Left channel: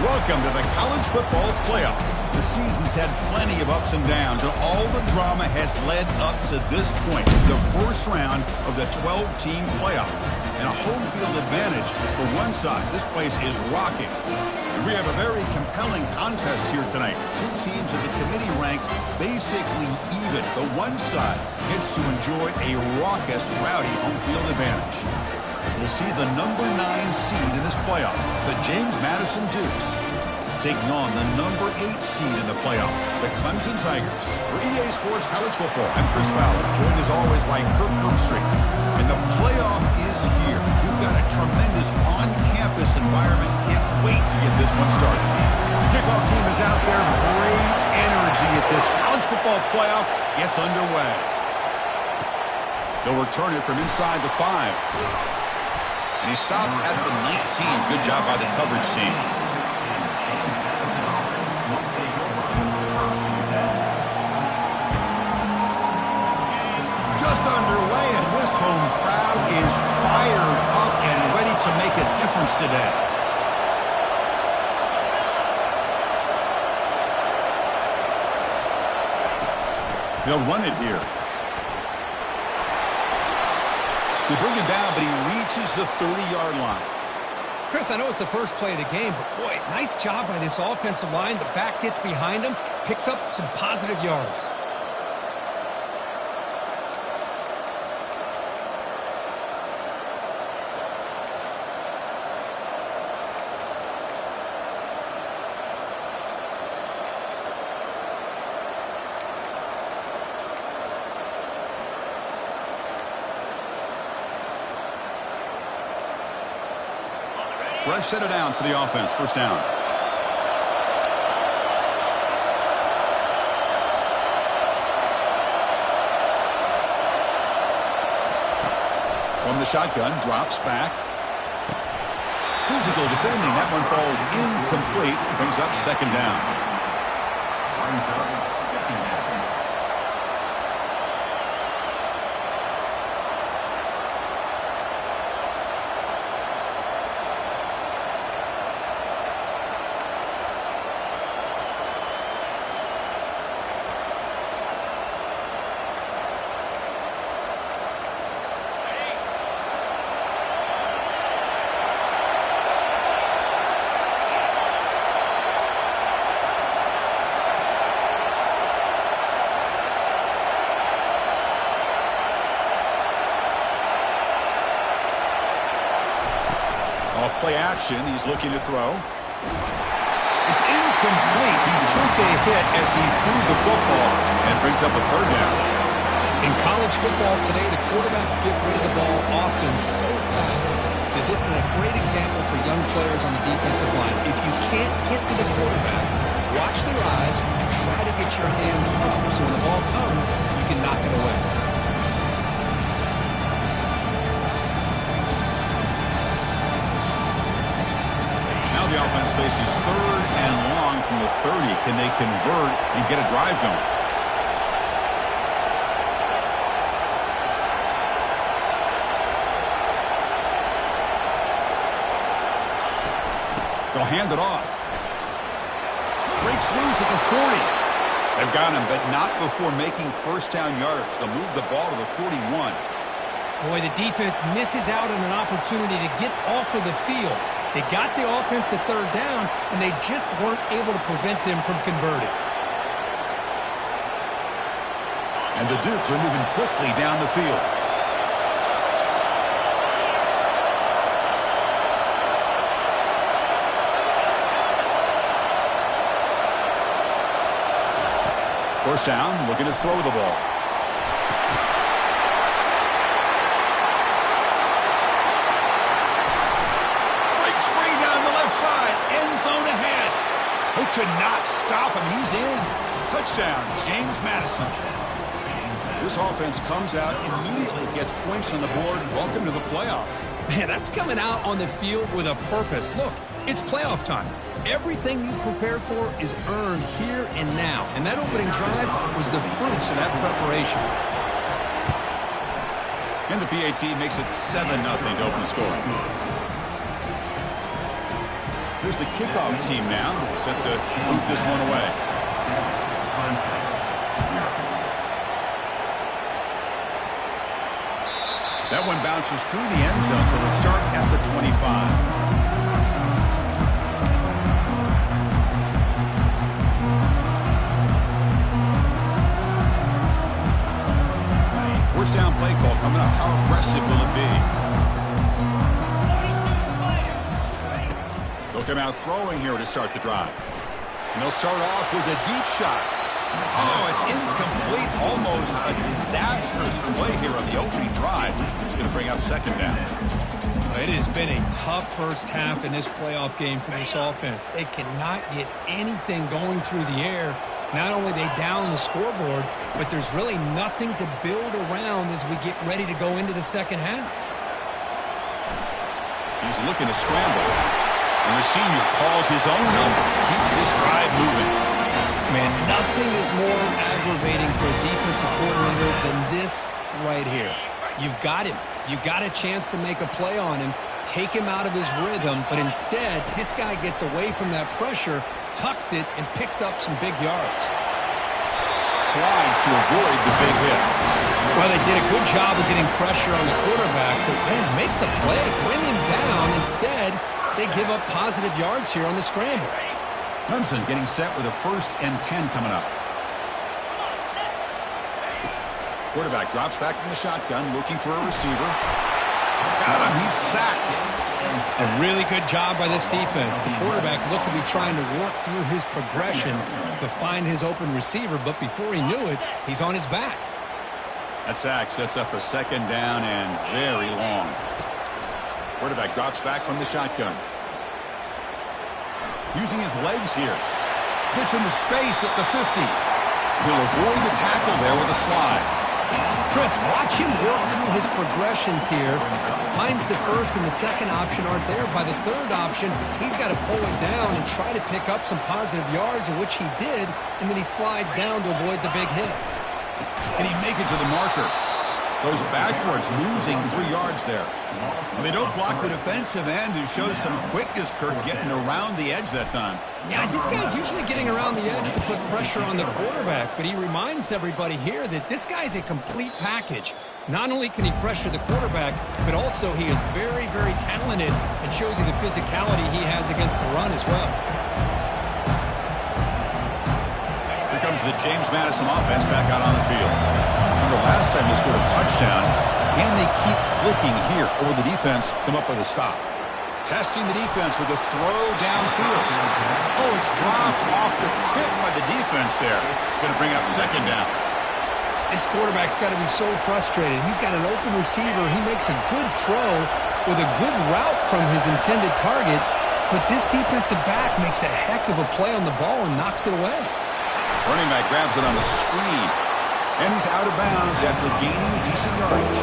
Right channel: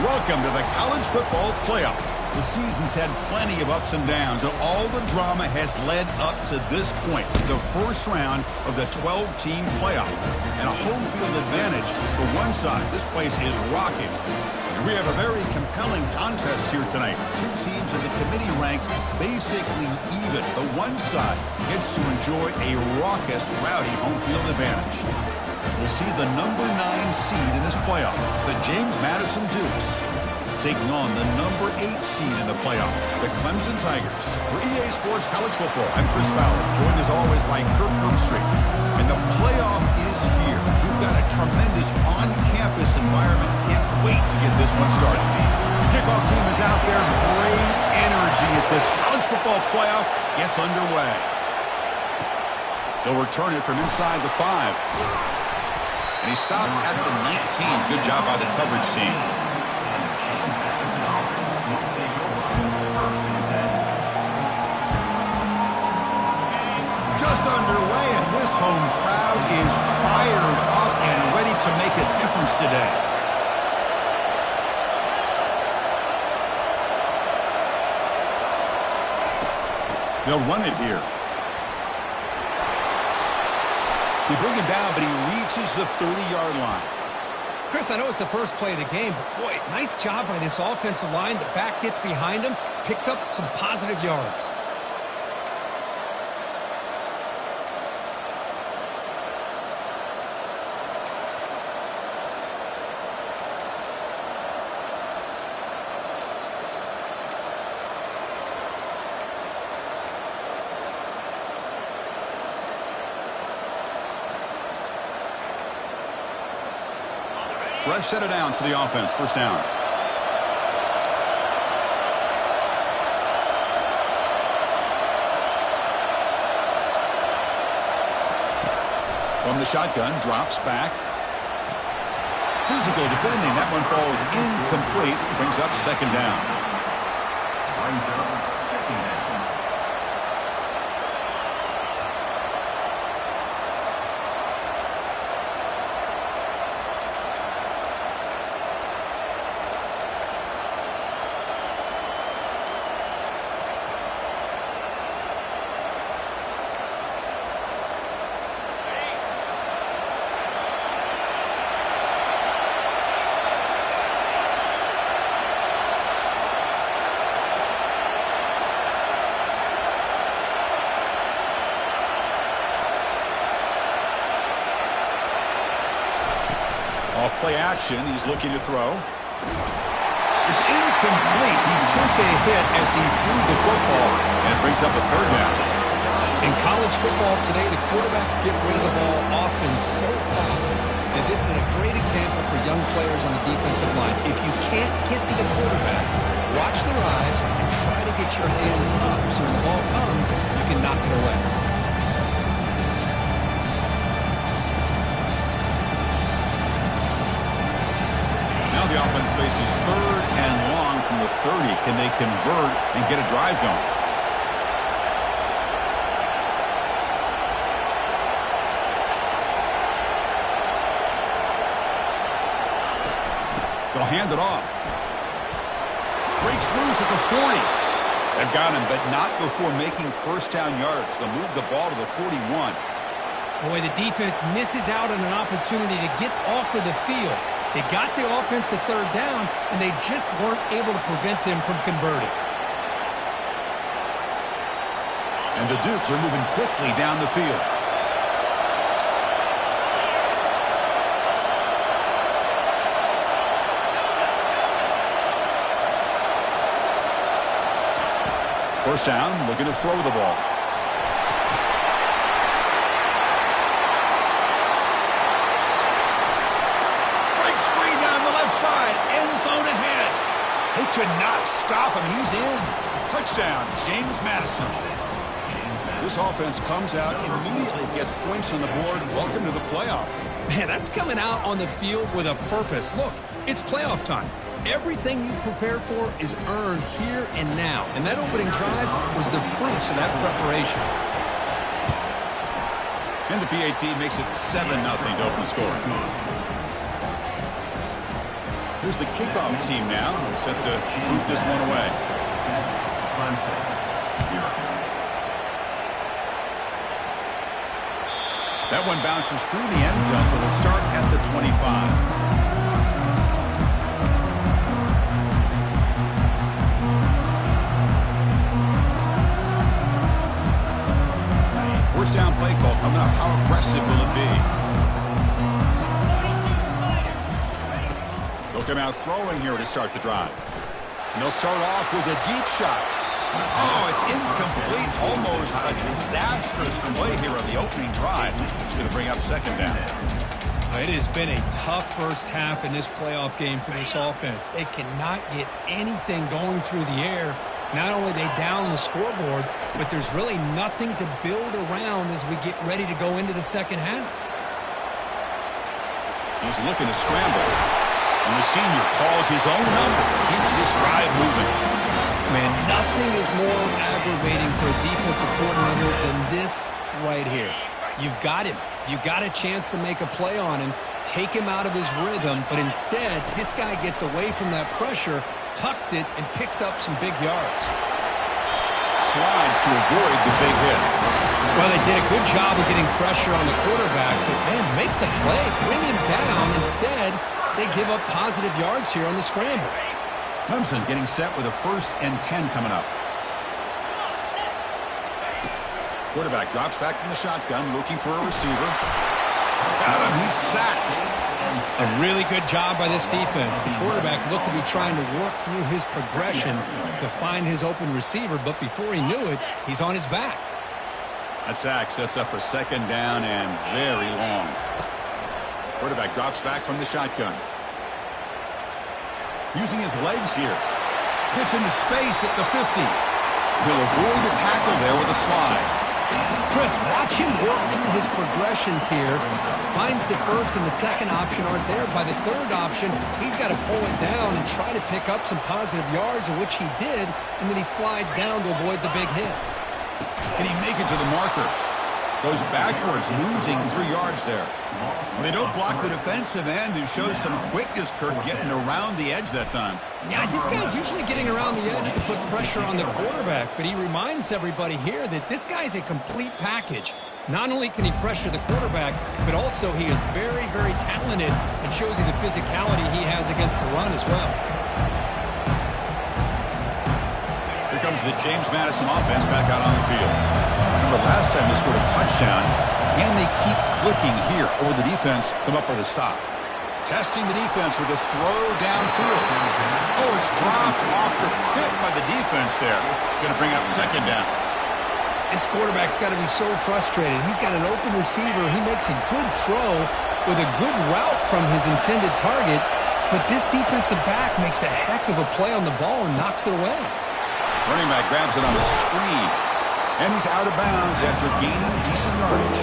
Welcome to the college football playoff. The season's had plenty of ups and downs, and all the drama has led up to this point, the first round of the 12-team playoff. And a home field advantage for one side. This place is rocking. And we have a very compelling contest here tonight. Two teams in the committee ranked basically even. The one side gets to enjoy a raucous, rowdy home field advantage. As we'll see the number 9 seed in this playoff, the James Madison Dukes, taking on the number 8 seed in the playoff, the Clemson Tigers. For EA Sports College Football, I'm Chris Fowler, joined as always by Kirk Herbstreit. And the playoff is here. We've got a tremendous on-campus environment. Can't wait to get this one started. The kickoff team is out there. Great energy as this college football playoff gets underway. They'll return it from inside the 5. And he stopped at the 19. Good job by the coverage team. Just underway, and this home crowd is fired up and ready to make a difference today. They'll run it here. They bring him down, but he reaches the 30-yard line. Chris, I know it's the first play of the game, but boy, nice job by this offensive line. The back gets behind him, picks up some positive yards. Fresh set of downs for the offense. First down. From the shotgun, drops back. Physical defending. That one falls incomplete. Brings up second down. Off play action, he's looking to throw. It's incomplete. He took a hit as he threw the football, and it brings up a third down. In college football today, the quarterbacks get rid of the ball often so fast that this is a great example for young players on the defensive line. If you can't get to the quarterback, watch their eyes and try to get your hands up so when the ball comes, you can knock it away. Now the offense faces third and long from the 30. Can they convert and get a drive going? They'll hand it off. Breaks loose at the 40. They've got him, but not before making first down yards. They'll move the ball to the 41. Boy, the defense misses out on an opportunity to get off of the field. They got the offense to third down, and they just weren't able to prevent them from converting. And the Dukes are moving quickly down the field. First down, looking to throw the ball. Breaks free down the left side. End zone ahead. They could not stop him. He's in. Touchdown, James Madison. This offense comes out immediately, gets points on the board. Welcome to the playoff. Man, that's coming out on the field with a purpose. Look, it's playoff time. Everything you prepared for is earned here and now. And that opening drive was the fruits of that preparation. And the PAT makes it 7-0 to open the scoring. Here's the kickoff team now, set to boot this one away. That one bounces through the end zone, so they'll start at the 25. First down play call coming up. How aggressive will it be? They'll come out throwing here to start the drive. And they'll start off with a deep shot. Oh, it's incomplete. Almost a disastrous play here on the opening drive. It's going to bring up second down. It has been a tough first half in this playoff game for this offense. They cannot get anything going through the air. Not only are they down on the scoreboard, but there's really nothing to build around as we get ready to go into the second half. He's looking to scramble. And the senior calls his own number. Keeps this drive moving. Man, nothing is more aggravating for a defensive coordinator than this right here. You've got him. You've got a chance to make a play on him, take him out of his rhythm, but instead, this guy gets away from that pressure, tucks it, and picks up some big yards. Slides to avoid the big hit. Well, they did a good job of getting pressure on the quarterback, but, man, make the play, bring him down. Instead, they give up positive yards here on the scramble. Clemson getting set with a 1st and 10 coming up. Quarterback drops back from the shotgun, looking for a receiver. Got him. He's sacked. A really good job by this defense. The quarterback looked to be trying to work through his progressions to find his open receiver, but before he knew it, he's on his back. That sack sets up a second down and very long. Quarterback drops back from the shotgun. Using his legs here. Gets into space at the 50. He'll avoid a tackle there with a slide. Chris, watch him work through his progressions here. Finds the first and the second option aren't there. By the third option, he's got to pull it down and try to pick up some positive yards, which he did, and then he slides down to avoid the big hit. Can he make it to the marker? Goes backwards, losing 3 yards there. They don't block the defensive end, who shows some quickness, Kirk, getting around the edge that time. Yeah, this guy's usually getting around the edge to put pressure on the quarterback, but he reminds everybody here that this guy's a complete package. Not only can he pressure the quarterback, but also he is very, very talented and shows you the physicality he has against the run as well. Here comes the James Madison offense back out on the field. Remember last time they scored a touchdown. Can they keep clicking here, or will the defense come up with a stop? Testing the defense with a throw downfield. Oh, it's dropped off the tip by the defense there. It's going to bring up second down. This quarterback's got to be so frustrated. He's got an open receiver. He makes a good throw with a good route from his intended target, but this defensive back makes a heck of a play on the ball and knocks it away. Running back grabs it on the screen. And he's out of bounds after gaining decent yardage.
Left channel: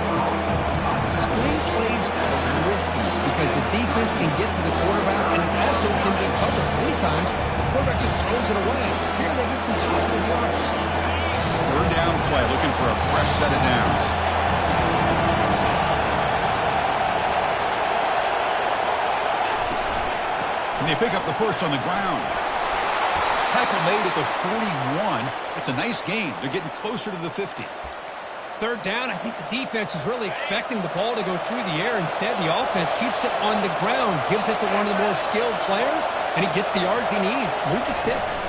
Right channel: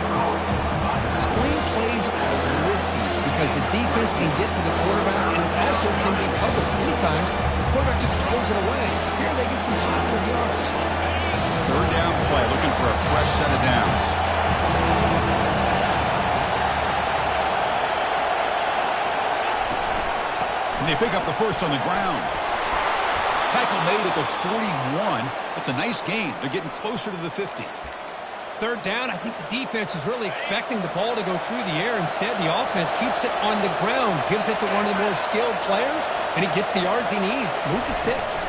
Screen plays are risky because the defense can get to the quarterback and it also can be covered. Many times, the quarterback just throws it away. Here they get some positive yards. Third down play, looking for a fresh set of downs. And they pick up the first on the ground. Tackle made at the 41. It's a nice gain. They're getting closer to the 50. Third down, I think the defense is really expecting the ball to go through the air. Instead, the offense keeps it on the ground, gives it to one of the more skilled players, and he gets the yards he needs. Move the sticks.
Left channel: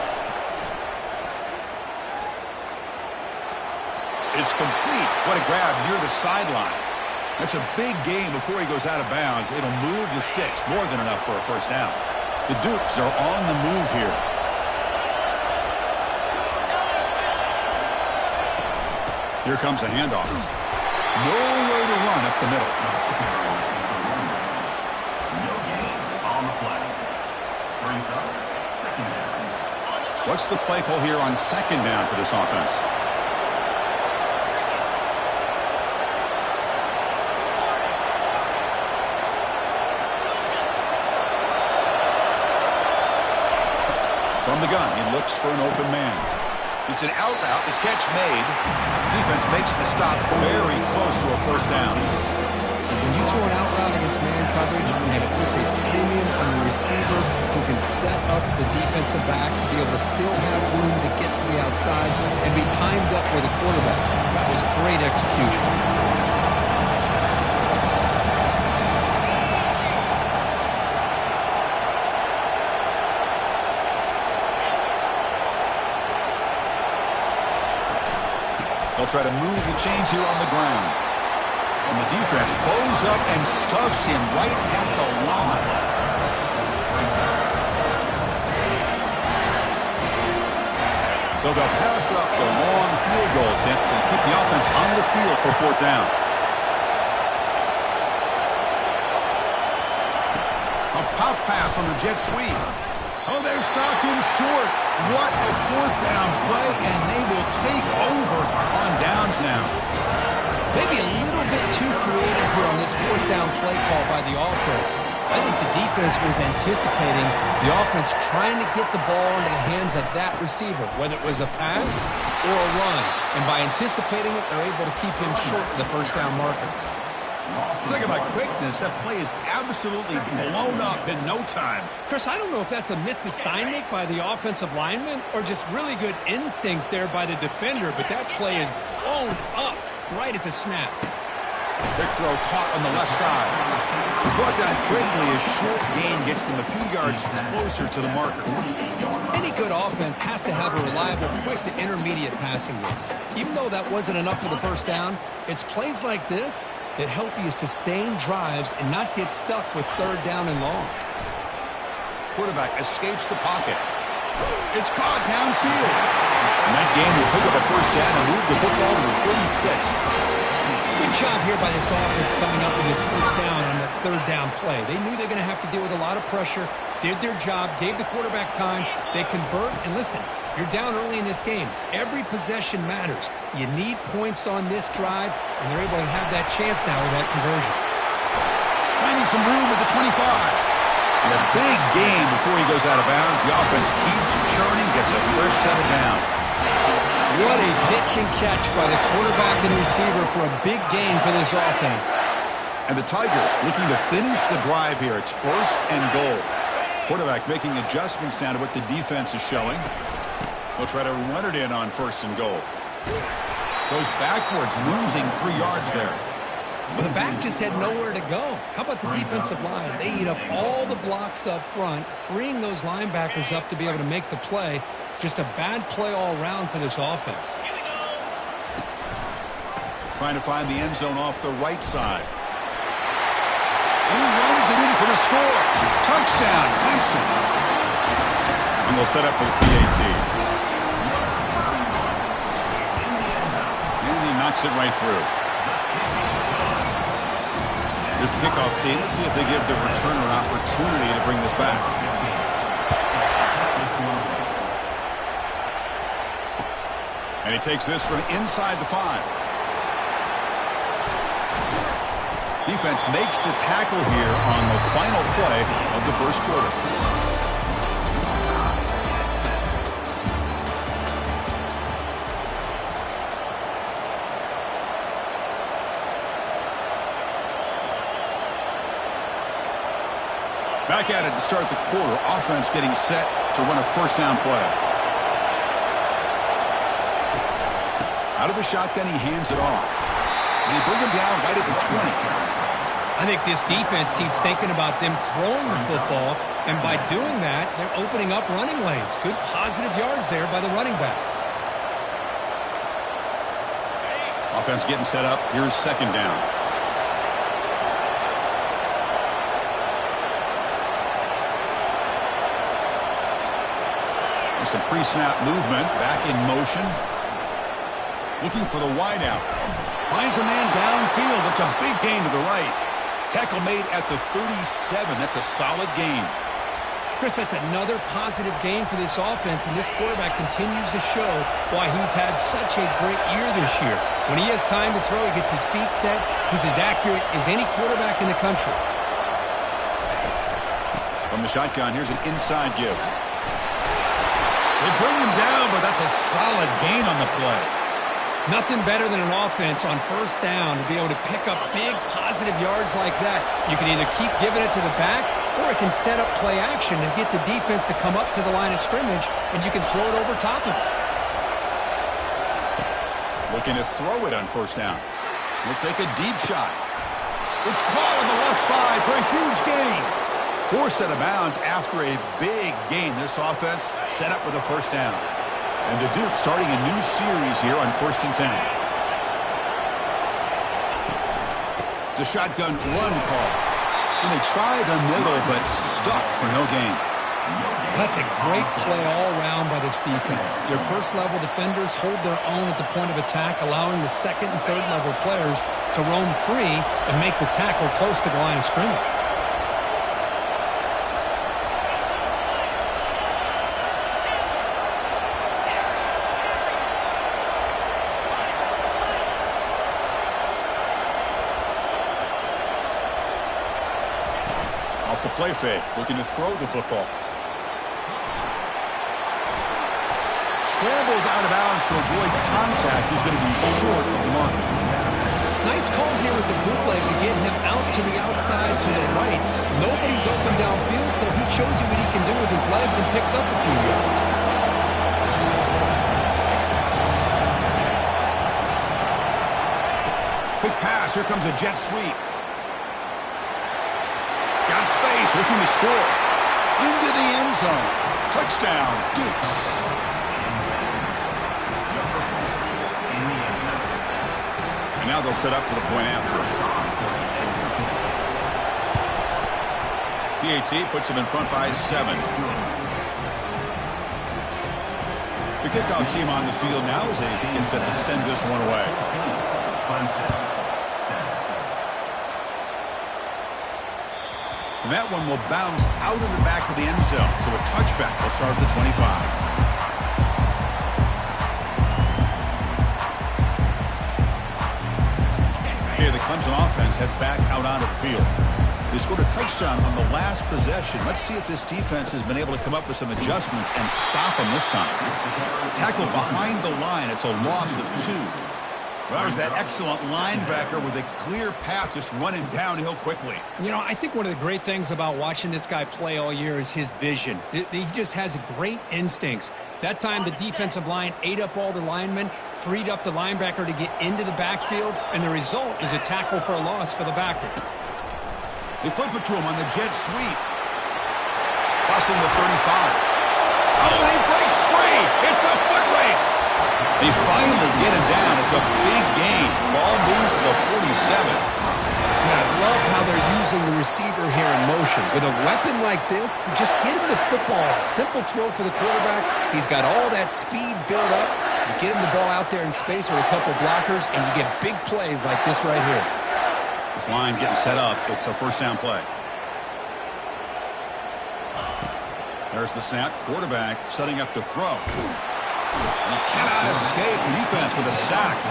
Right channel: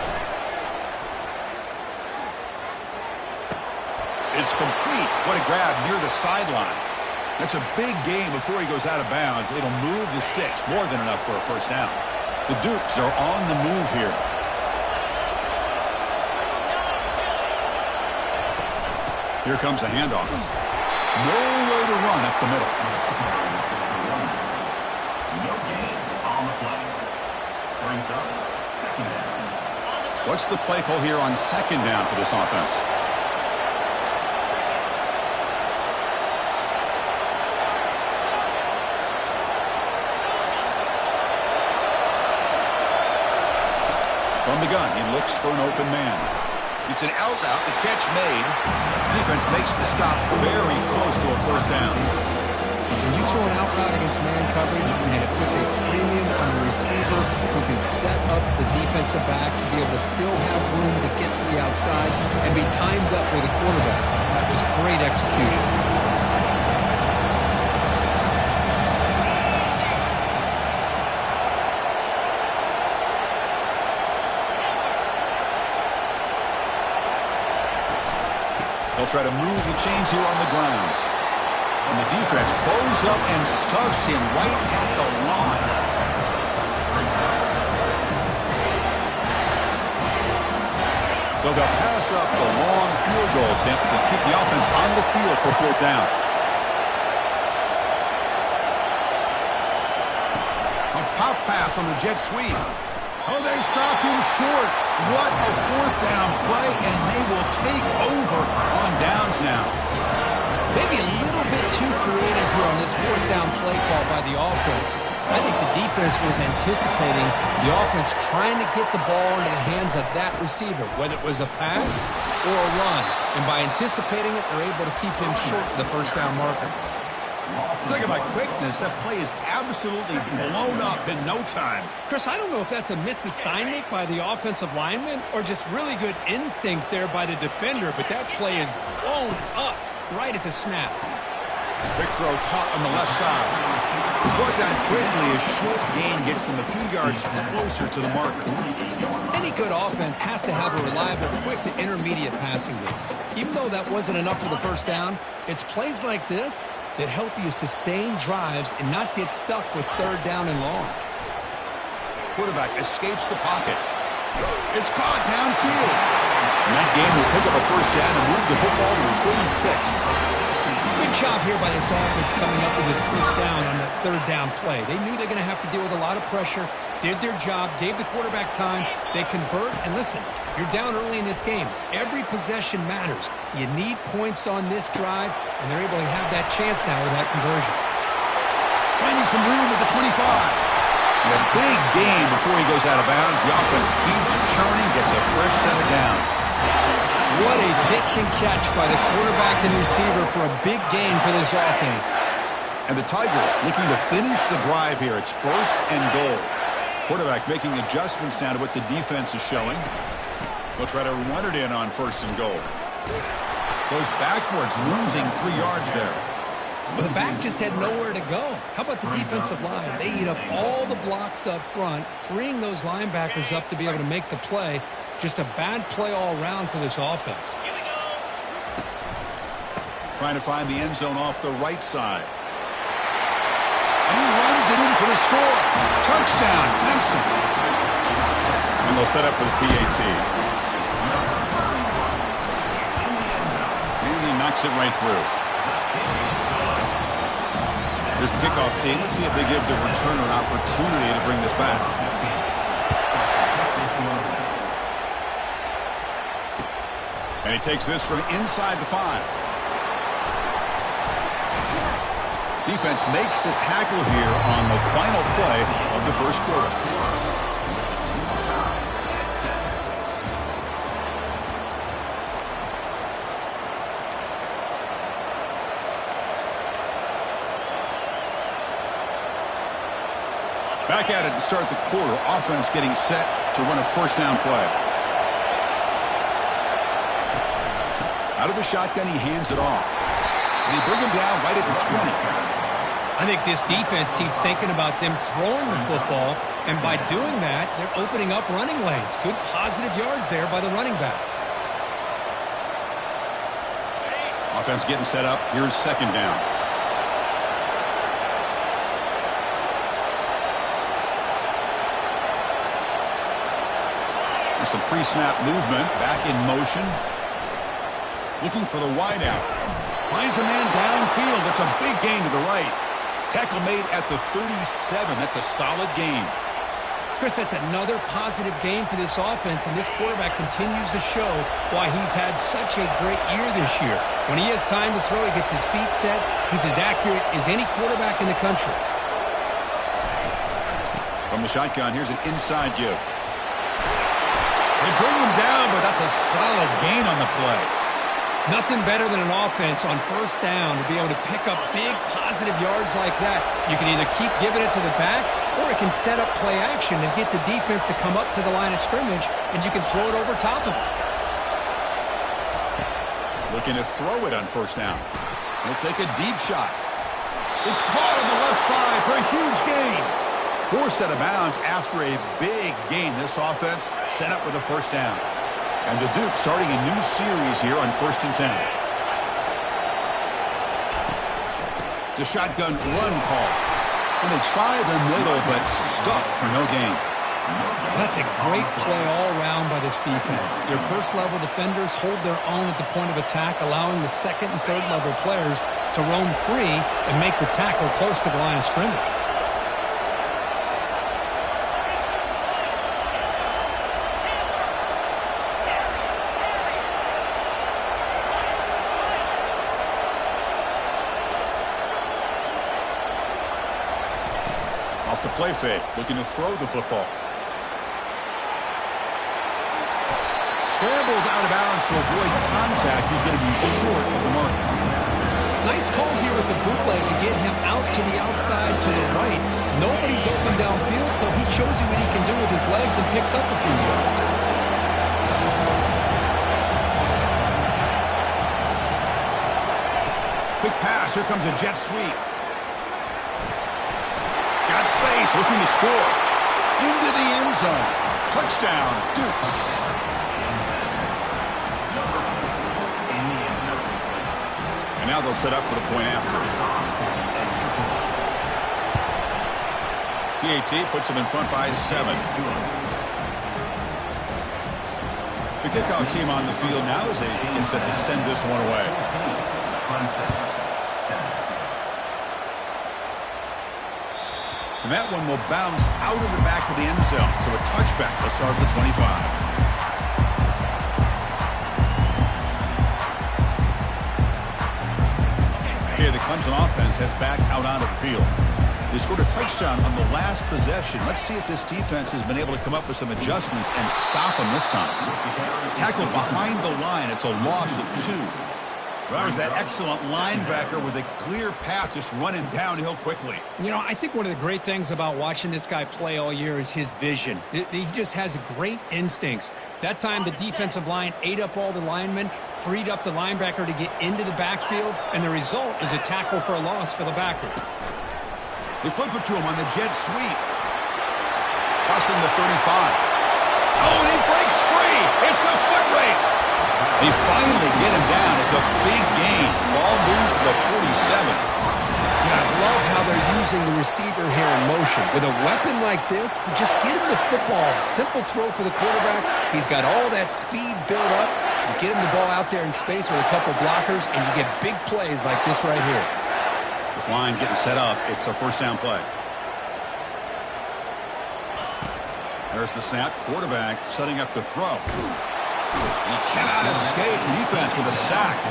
It's complete. What a grab near the sideline. That's a big gain before he goes out of bounds. It'll move the sticks. More than enough for a first down. The Dukes are on the move here. Here comes a handoff. Nowhere to run up the middle. No gain on the play. Brings up second down. What's the play call here on second down for this offense? From the gun, he looks for an open man. It's an out route, the catch made. Defense makes the stop very close to a first down. When you throw an out route against man coverage, and it puts a premium on the receiver who can set up the defensive back to be able to still have room to get to the outside and be timed up with a quarterback. That was great execution. They'll try to move the chains here on the ground. And the defense bows up and stuffs him right at the line. So they'll pass up the long field goal attempt and keep the offense on the field for 4th down. A pop pass on the jet sweep. Oh, they've stopped him short. What a 4th down play, and they will take over on downs now. Maybe a little bit too creative here on this 4th down play call by the offense. I think the defense was anticipating the offense trying to get the ball into the hands of that receiver, whether it was a pass or a run. And by anticipating it, they're able to keep him short of the 1st down marker. Talking about quickness, that play is absolutely blown up in no time. Chris, I don't know if that's a misassignment by the offensive lineman or just really good instincts there by the defender, but that play is blown up right at the snap. Quick throw caught on the left side. It's brought down quickly as short gain gets them a few yards closer to the marker. Any good offense has to have a reliable, quick to intermediate passing game. Even though that wasn't enough for the 1st down, it's plays like this that help you sustain drives and not get stuck with 3rd down and long. Quarterback escapes the pocket. It's caught downfield. And that game will pick up a 1st down and move the football to the 36. Good job here by this offense coming up with this 1st down on that 3rd down play. They knew they're going to have to deal with a lot of pressure, did their job, gave the quarterback time. They convert, and listen, you're down early in this game. Every possession matters. You need points on this drive, and they're able to have that chance now with that conversion. Finding some room at the 25. And a big game before he goes out of bounds. The offense keeps churning, gets a fresh set of downs. What a pitch and catch by the quarterback and receiver for a big gain for this offense. And the Tigers looking to finish the drive here. It's 1st and goal. Quarterback making adjustments down to what the defense is showing. They'll try to run it in on 1st and goal. Goes backwards, losing 3 yards there. Well, the back just had nowhere to go. How about the defensive line? They eat up all the blocks up front, freeing those linebackers up to be able to make the play. Just a bad play all around for this offense. Trying to find the end zone off the right side. And he runs it in for the score. Touchdown, Clemson. And they'll set up for the PAT. And he knocks it right through. Here's the kickoff team. Let's see if they give the returner an opportunity to bring this back. And he takes this from inside the 5. Defense makes the tackle here on the final play of the 1st quarter. Back at it to start the quarter. Offense getting set to run a 1st down play. Out of the shotgun, he hands it off. They bring him down right at the 20. I think this defense keeps thinking about them throwing the football, and by doing that, they're opening up running lanes. Good positive yards there by the running back. Offense getting set up. Here's 2nd down. There's some pre-snap movement. Back in motion. Looking for the wideout. Finds a man downfield. That's a big gain to the right. Tackle made at the 37. That's a solid gain. Chris, that's another positive gain for this offense, and this quarterback continues to show why he's had such a great year this year. When he has time to throw, he gets his feet set. He's as accurate as any quarterback in the country. From the shotgun, here's an inside give. They bring him down, but that's a solid gain on the play. Nothing better than an offense on first down to be able to pick up big positive yards like that. You can either keep giving it to the back, or it can set up play action and get the defense to come up to the line of scrimmage, and you can throw it over top of it. Looking to throw it on first down. We'll take a deep shot. It's caught on the left side for a huge gain. Forced out of bounds after a big gain. This offense set up with a first down. And the Duke starting a new series here on 1st and 10. It's a shotgun run call. And they try the middle, but stuck for no gain. That's a great play all around by this defense. Your first-level defenders hold their own at the point of attack, allowing the second and third-level players to roam free and make the tackle close to the line of scrimmage. Off the play fake, looking to throw the football. Scrambles out of bounds to avoid contact. He's going to be short of the mark. Nice call here with the bootleg to get him out to the outside to the right. Nobody's open downfield, so he shows you what he can do with his legs and picks up a few yards. Quick pass. Here comes a jet sweep. Got space, looking to score. Into the end zone. Touchdown, Dukes. And now they'll set up for the point after. PAT puts them in front by 7. The kickoff team on the field now as they get set to send this one away. And that one will bounce out of the back of the end zone. So a touchback. They'll start at the 25. Here, the Clemson offense heads back out onto the field. They scored a touchdown on the last possession. Let's see if this defense has been able to come up with some adjustments and stop them this time. Tackled behind the line. It's a loss of 2. Well, there's that excellent linebacker with a clear path just running downhill quickly. You know, I think one of the great things about watching this guy play all year is his vision. He just has great instincts. That time, the defensive line ate up all the linemen, freed up the linebacker to get into the backfield, and the result is a tackle for a loss for the backer. They flip it to him on the jet sweep. Crossing the 35. Oh, and he breaks free. It's a foot race. They finally get him down. It's a big gain. Ball moves to the 47. Yeah, I love how they're using the receiver here in motion. With a weapon like this, just get him the football. Simple throw for the quarterback. He's got all that speed built up. You get him the ball out there in space with a couple blockers, and you get big plays like this right here. This line getting set up. It's a first down play. There's the snap. Quarterback setting up to throw. And he cannot escape the defense with a sack.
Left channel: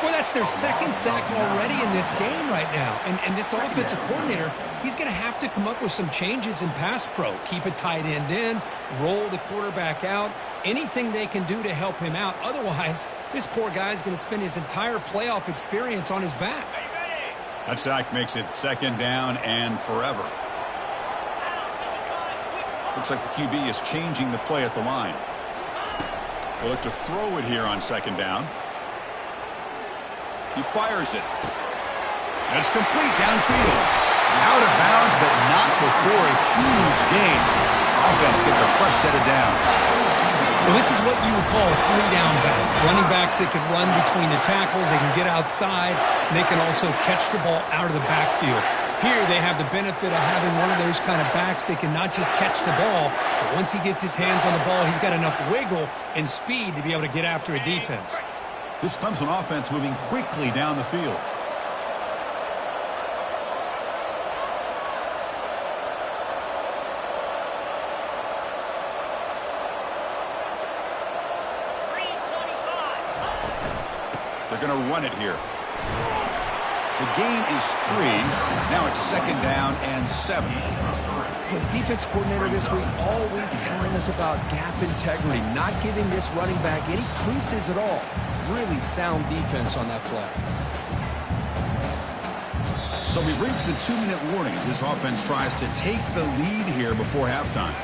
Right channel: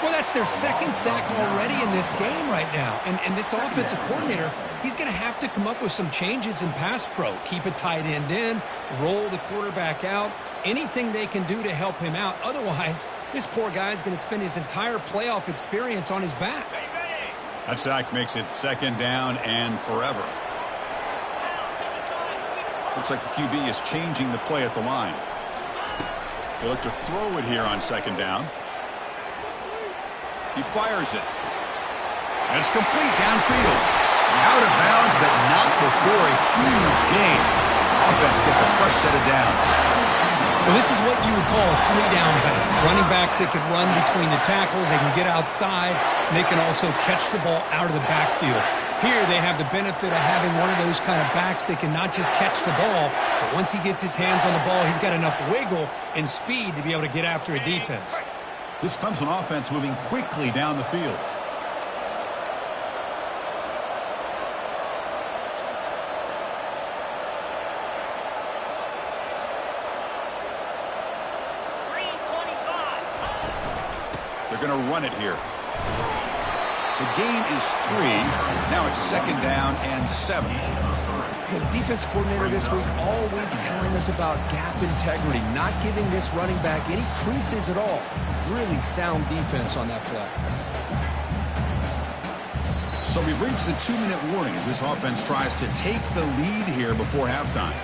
Well, that's their second sack already in this game right now. And this offensive coordinator, he's going to have to come up with some changes in pass pro. Keep a tight end in, roll the quarterback out, anything they can do to help him out. Otherwise, this poor guy's going to spend his entire playoff experience on his back. That sack makes it second down and forever. Looks like the QB is changing the play at the line. They look to throw it here on second down. He fires it. And it's complete downfield. Out of bounds, but not before a huge gain. Offense gets a fresh set of downs. Well, this is what you would call a 3-down back. Running backs that can run between the tackles. They can get outside. And they can also catch the ball out of the backfield. Here they have the benefit of having one of those kind of backs that can not just catch the ball, but once he gets his hands on the ball, he's got enough wiggle and speed to be able to get after a defense. This comes on offense moving quickly down the field. They're going to run it here. The gain is 3. Now it's second down and 7. Well, the defense coordinator this week all week telling us about gap integrity, not giving this running back any creases at all. really sound defense on that play. So we've reached the 2-minute warning as this offense tries to take the lead here before halftime.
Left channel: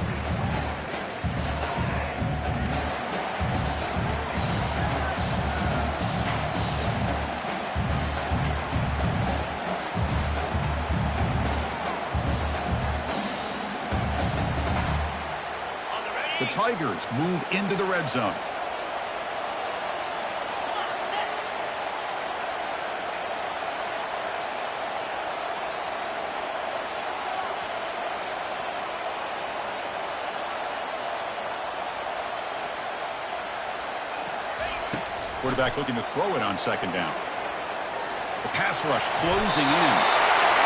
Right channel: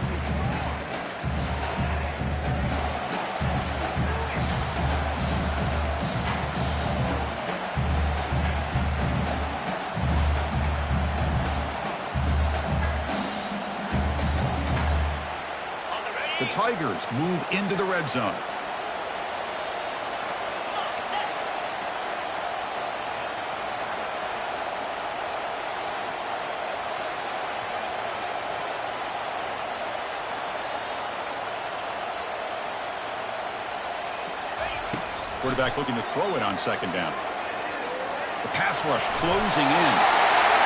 The Tigers move into the red zone. Quarterback looking to throw it on second down. The pass rush closing in.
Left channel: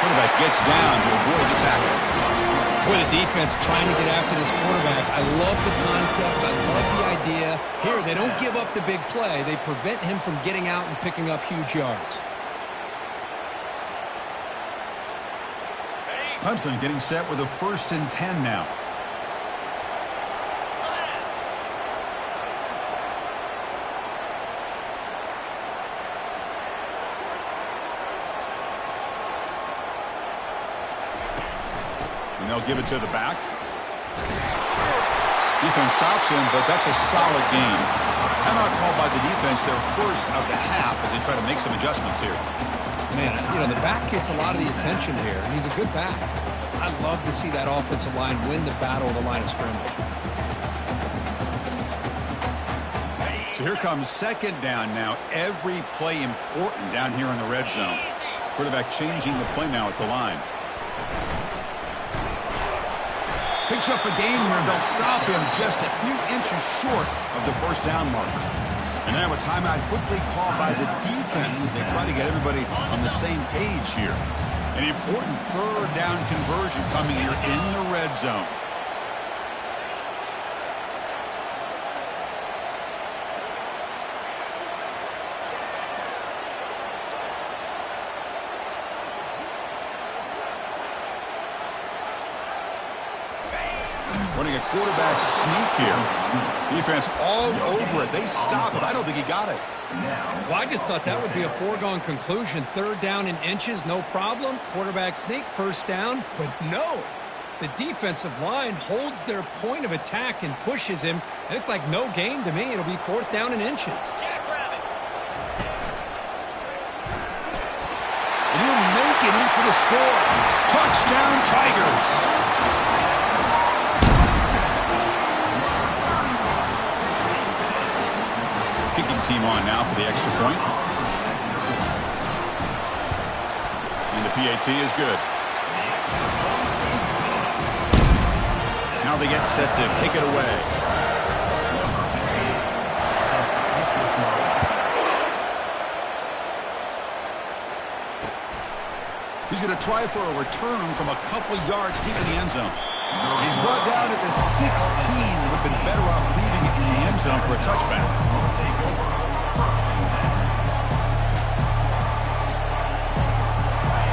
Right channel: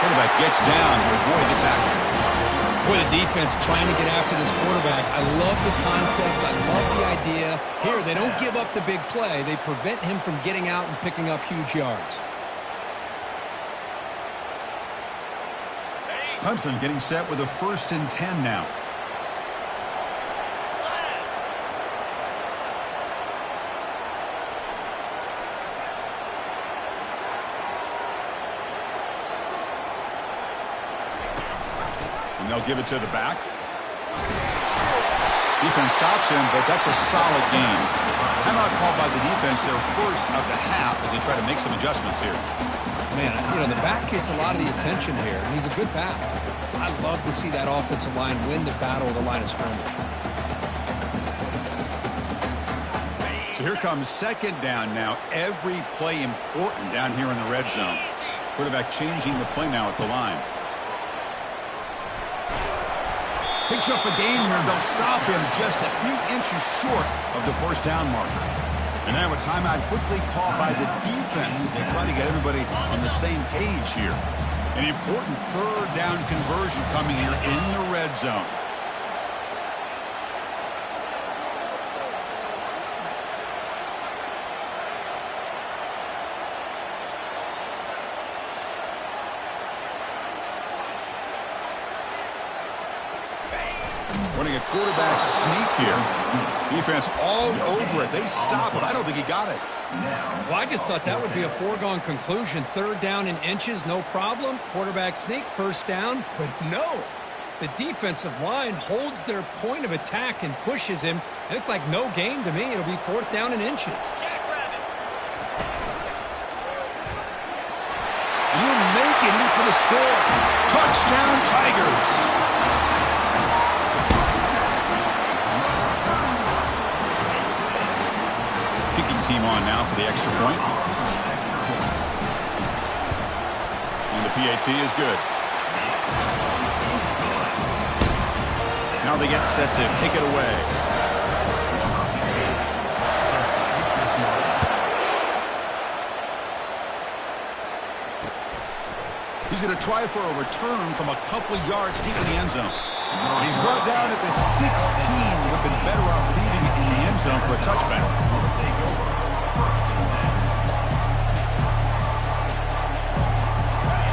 Quarterback gets down to avoid the tackle. Boy, the defense trying to get after this quarterback. I love the concept. I love the idea. Here, they don't give up the big play. They prevent him from getting out and picking up huge yards. Clemson getting set with a 1st and 10 now. And they'll give it to the back. Defense stops him, but that's a solid game. Timeout called by the defense, their first of the half, as they try to make some adjustments here. Man, you know, the back gets a lot of the attention here, and he's a good back. I love to see that offensive line win the battle of the line of scrimmage. So here comes second down now. Every play important down here in the red zone. Quarterback changing the play now at the line. Picks up a gain here. They'll stop him just a few inches short of the first down marker. And now a timeout quickly called by the defense as they try to get everybody on the same page here. An important third down conversion coming here in the red zone. Running a quarterback sneak here. Defense all over it. They stop him. I don't think he got it. Well, I just thought that would be a foregone conclusion. Third down in inches, no problem. Quarterback sneak, first down. But no, the defensive line holds their point of attack and pushes him. It looked like no gain to me. It'll be 4th down in inches. And he'll make it in for the score. Touchdown, Tigers. Kicking team on now for the extra point. And the PAT is good. Now they get set to kick it away. He's going to try for a return from a couple yards deep in the end zone. He's brought down at the 16. Would have been better off leaving it in the end zone for a touchback.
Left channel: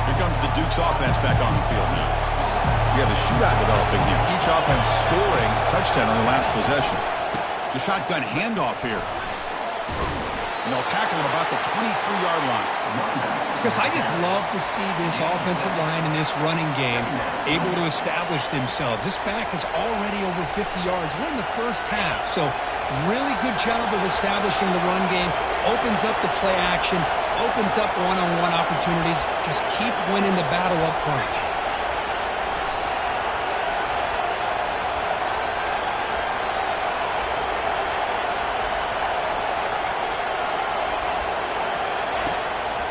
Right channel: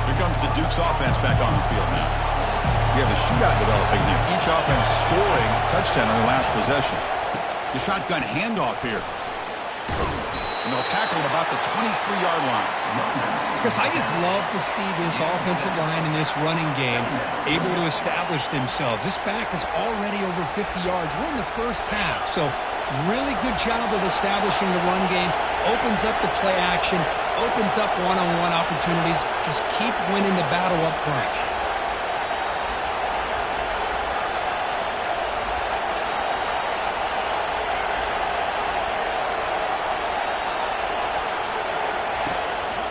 Here comes the Duke's offense back on the field now. We have a shootout developing here. Each offense scoring a touchdown on their last possession. The shotgun handoff here. And they'll tackle him about the 23-yard line. Because I just love to see this offensive line in this running game able to establish themselves. This back is already over 50 yards. We're in the first half, so really good job of establishing the run game. Opens up the play action, opens up one-on-one opportunities. Just keep winning the battle up front.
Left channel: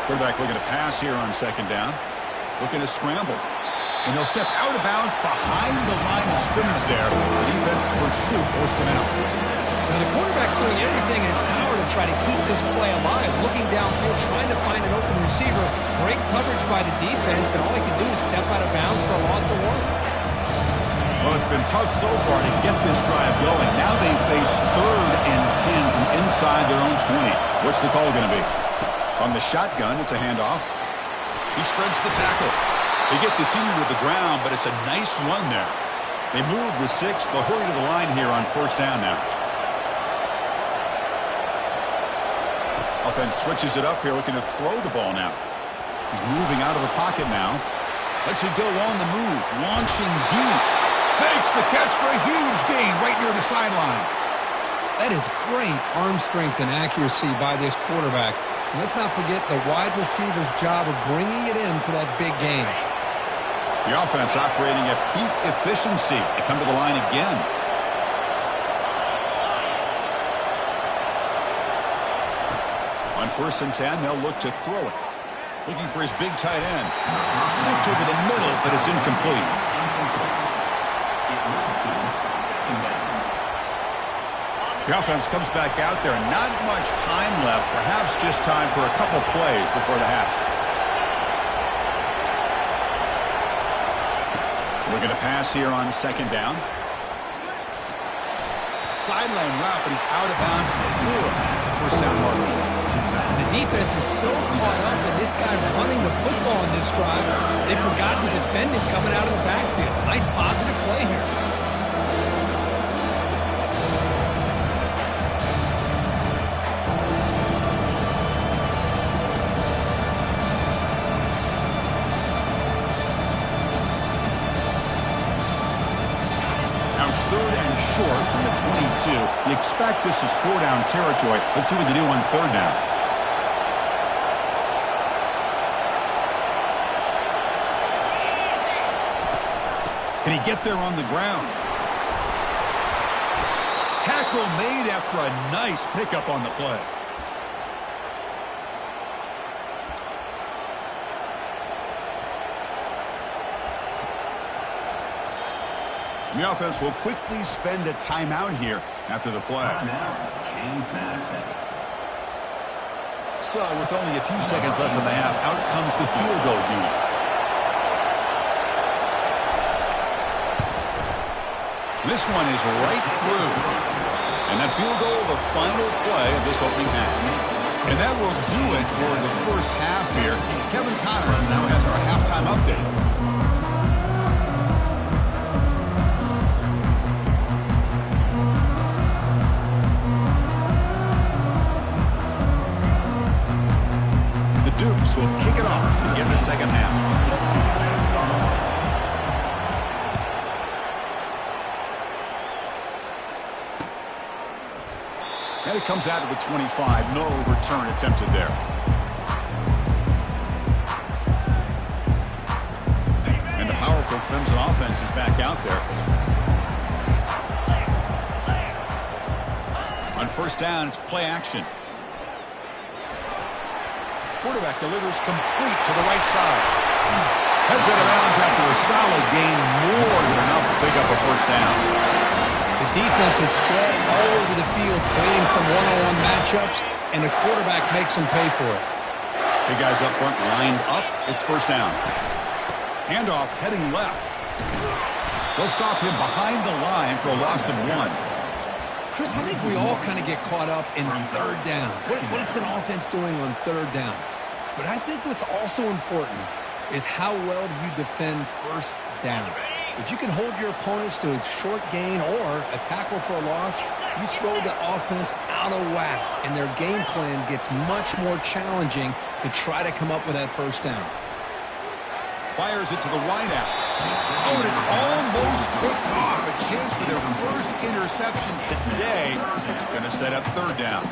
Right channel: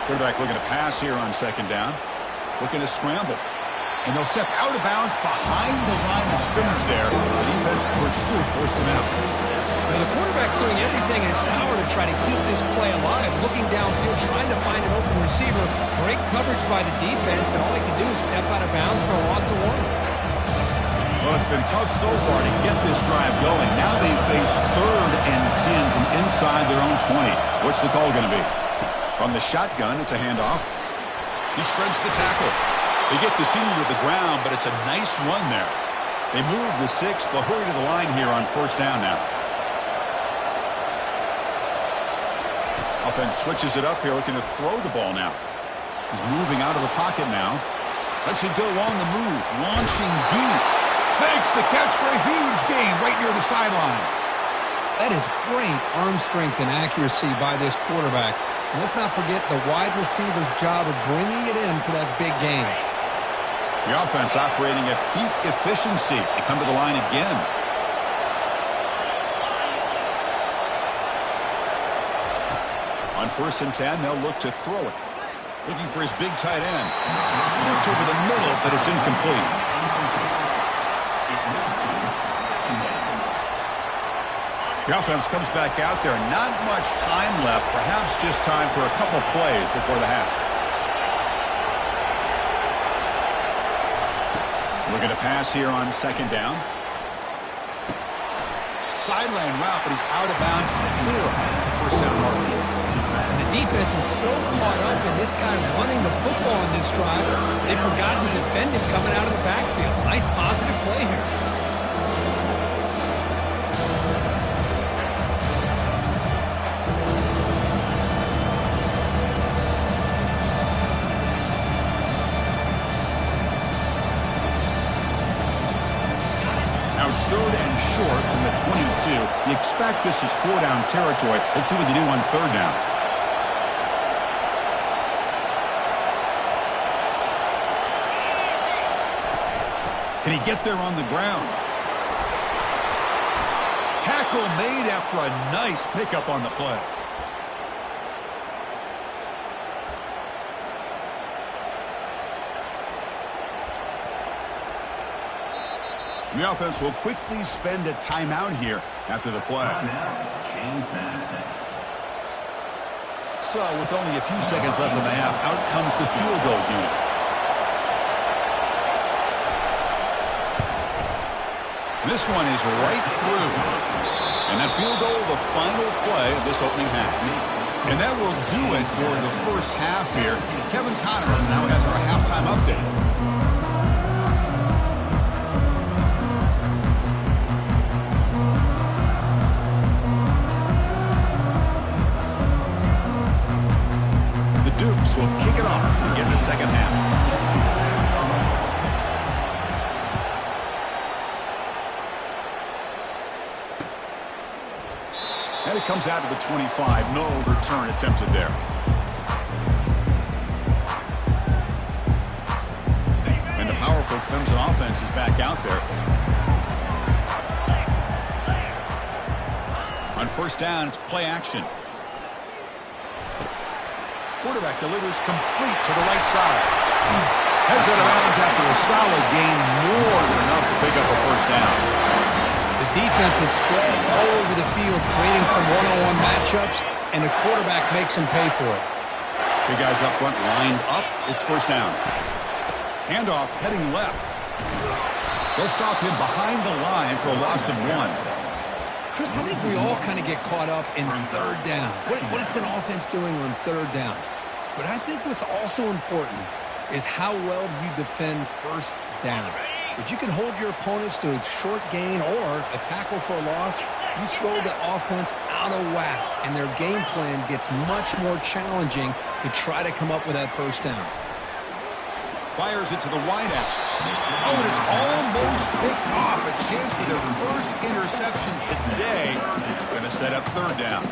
Quarterback looking to pass here on second down. Looking to scramble. And he'll step out of bounds behind the line of scrimmage there. The defense pursuit forced him out. Now the quarterback's doing everything in his power to try to keep this play alive. Looking downfield, trying to find an open receiver. Great coverage by the defense, and all he can do is step out of bounds for a loss of 1. Well, it's been tough so far to get this drive going. Now they face 3rd and 10 from inside their own 20. What's the call going to be? From the shotgun, it's a handoff. He shreds the tackle. They get the senior to the ground, but it's a nice run there. They move the 6. They'll hurry to the line here on first down now. Offense switches it up here, looking to throw the ball now. He's moving out of the pocket now. Lets it go on the move, launching deep. Makes the catch for a huge gain right near the sideline. That is great arm strength and accuracy by this quarterback. And let's not forget the wide receiver's job of bringing it in for that big gain. The offense operating at peak efficiency. They come to the line again. On 1st and 10, they'll look to throw it. Looking for his big tight end. Looked over the middle, but it's incomplete. The offense comes back out there. Not much time left. Perhaps just time for a couple plays before the half. Looking to pass here on 2nd down. Sideline route, but he's out of bounds before the 1st down mark. And the defense is so caught up in this guy running the football in this drive, they forgot to defend him coming out of the backfield. Nice positive play here. Now it's 3rd and short from the 22. You expect this is 4-down territory. Let's see what they do on 3rd down. Can he get there on the ground? Tackle made after a nice pickup on the play. The offense will quickly spend a timeout here after the play. So with only a few seconds left in the half, out comes the field goal unit. This one is right through. And that field goal, the final play of this opening half. And that will do it for the first half here. Kevin Connors now has our halftime update. The Dukes will kick it off to begin the second half. And it comes out to the 25. No return attempted there. And the powerful Clemson offense is back out there. On 1st down, it's play action. Quarterback delivers complete to the right side. Heads out of bounds after a solid gain, more than enough to pick up a 1st down. The defense is spread all over the field, creating some one-on-one matchups, and the quarterback makes them pay for it. Big guys up front lined up. It's 1st down. Handoff heading left. They'll stop him behind the line for a loss of 1. Chris, I think we all kind of get caught up in 3rd down. What is an offense doing on 3rd down? But I think what's also important is how well do you defend 1st down. If you can hold your opponents to a short gain or a tackle for a loss, you throw the offense out of whack, and their game plan gets much more challenging to try to come up with that 1st down. Fires it to the wideout. Oh, and it's almost picked off. A chance for their first interception today. Going to set up 3rd down.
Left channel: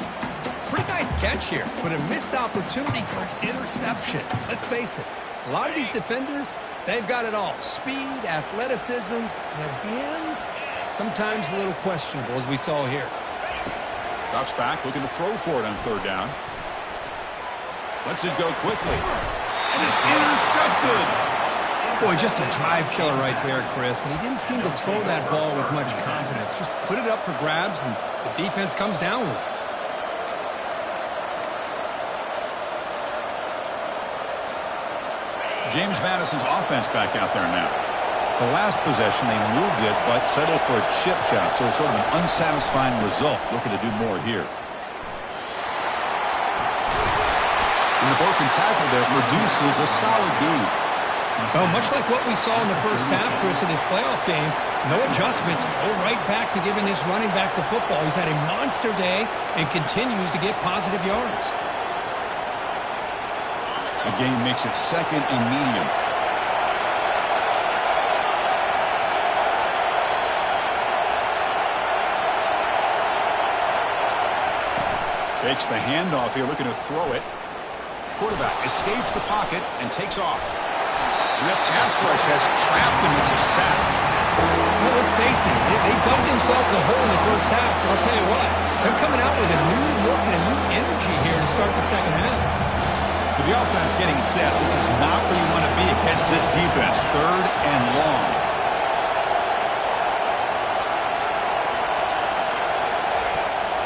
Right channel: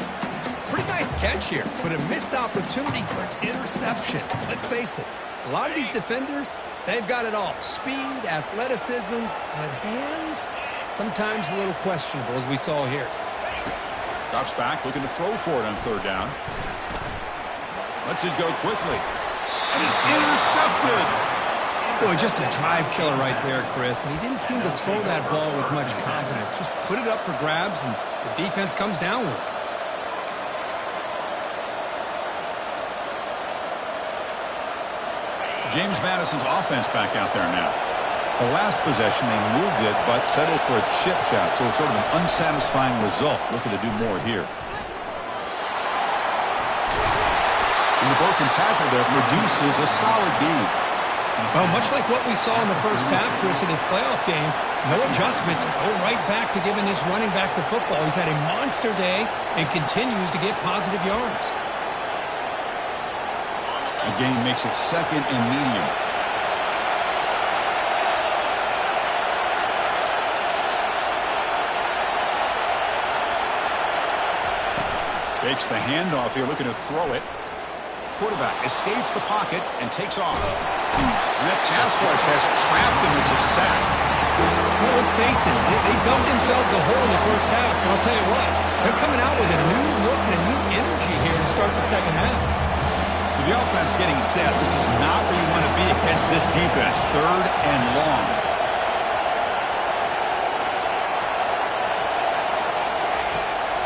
Pretty nice catch here, but a missed opportunity for an interception. Let's face it, a lot of these defenders, they've got it all. Speed, athleticism, but hands, sometimes a little questionable, as we saw here. Drops back, looking to throw for it on 3rd down. Lets it go quickly. And is intercepted. Boy, just a drive killer right there, Chris. And he didn't seem to throw that ball with much confidence. Just put it up for grabs, and the defense comes down with it. James Madison's offense back out there now. The last possession, they moved it, but settled for a chip shot, so sort of an unsatisfying result. Looking to do more here. And the broken tackle there produces a solid gain. Well, much like what we saw in the first half, Chris, in this playoff game, no adjustments. Go right back to giving his running back the football. He's had a monster day and continues to get positive yards. A gain makes it 2nd and medium. Fakes the handoff here, looking to throw it. Quarterback escapes the pocket and takes off. And that pass rush has trapped him. It's a sack. Well, let's face it, they dug themselves a hole in the first half. And I'll tell you what, they're coming out with a new look and a new energy here to start the second half. So the offense getting set. This is not where you want to be against this defense. 3rd and long.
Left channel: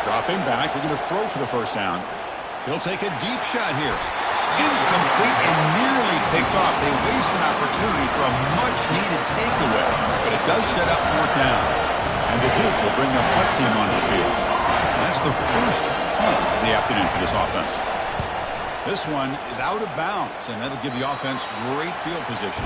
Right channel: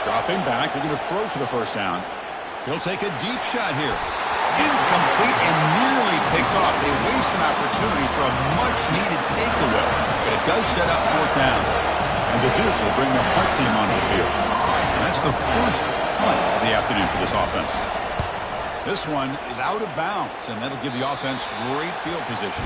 Dropping back, looking to throw for the first down. He'll take a deep shot here. Incomplete and nearly picked off. They waste an opportunity for a much-needed takeaway, but it does set up 4th down. And the Dukes will bring their punt team onto the field. And that's the first punt of the afternoon for this offense. This one is out of bounds, and that'll give the offense great field position.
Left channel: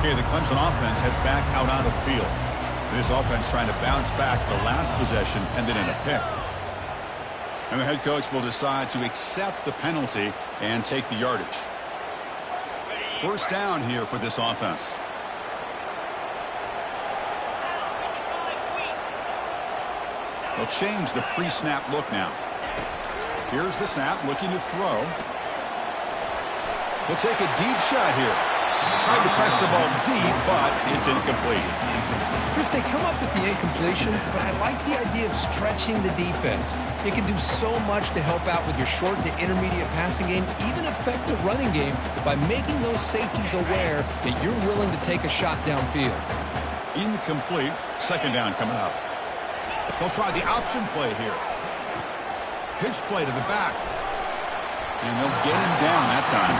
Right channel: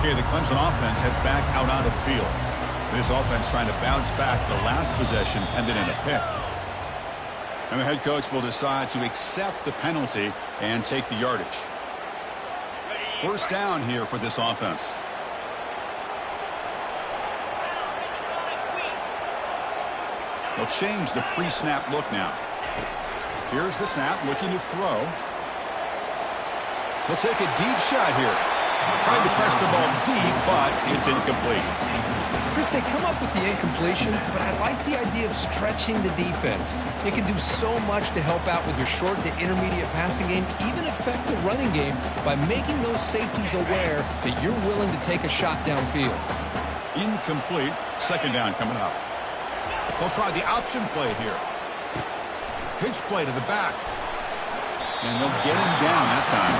Okay, the Clemson offense heads back out onto the field. This offense trying to bounce back the last possession and then in a pick. And the head coach will decide to accept the penalty and take the yardage. First down here for this offense. They'll change the pre-snap look now. Here's the snap, looking to throw. He'll take a deep shot here. Tried to press the ball deep, but it's incomplete. Chris, they come up with the incompletion, but I like the idea of stretching the defense. It can do so much to help out with your short to intermediate passing game, even affect the running game by making those safeties aware that you're willing to take a shot downfield. Incomplete. 2nd down coming up. They'll try the option play here. Pitch play to the back. And they'll get him down that time.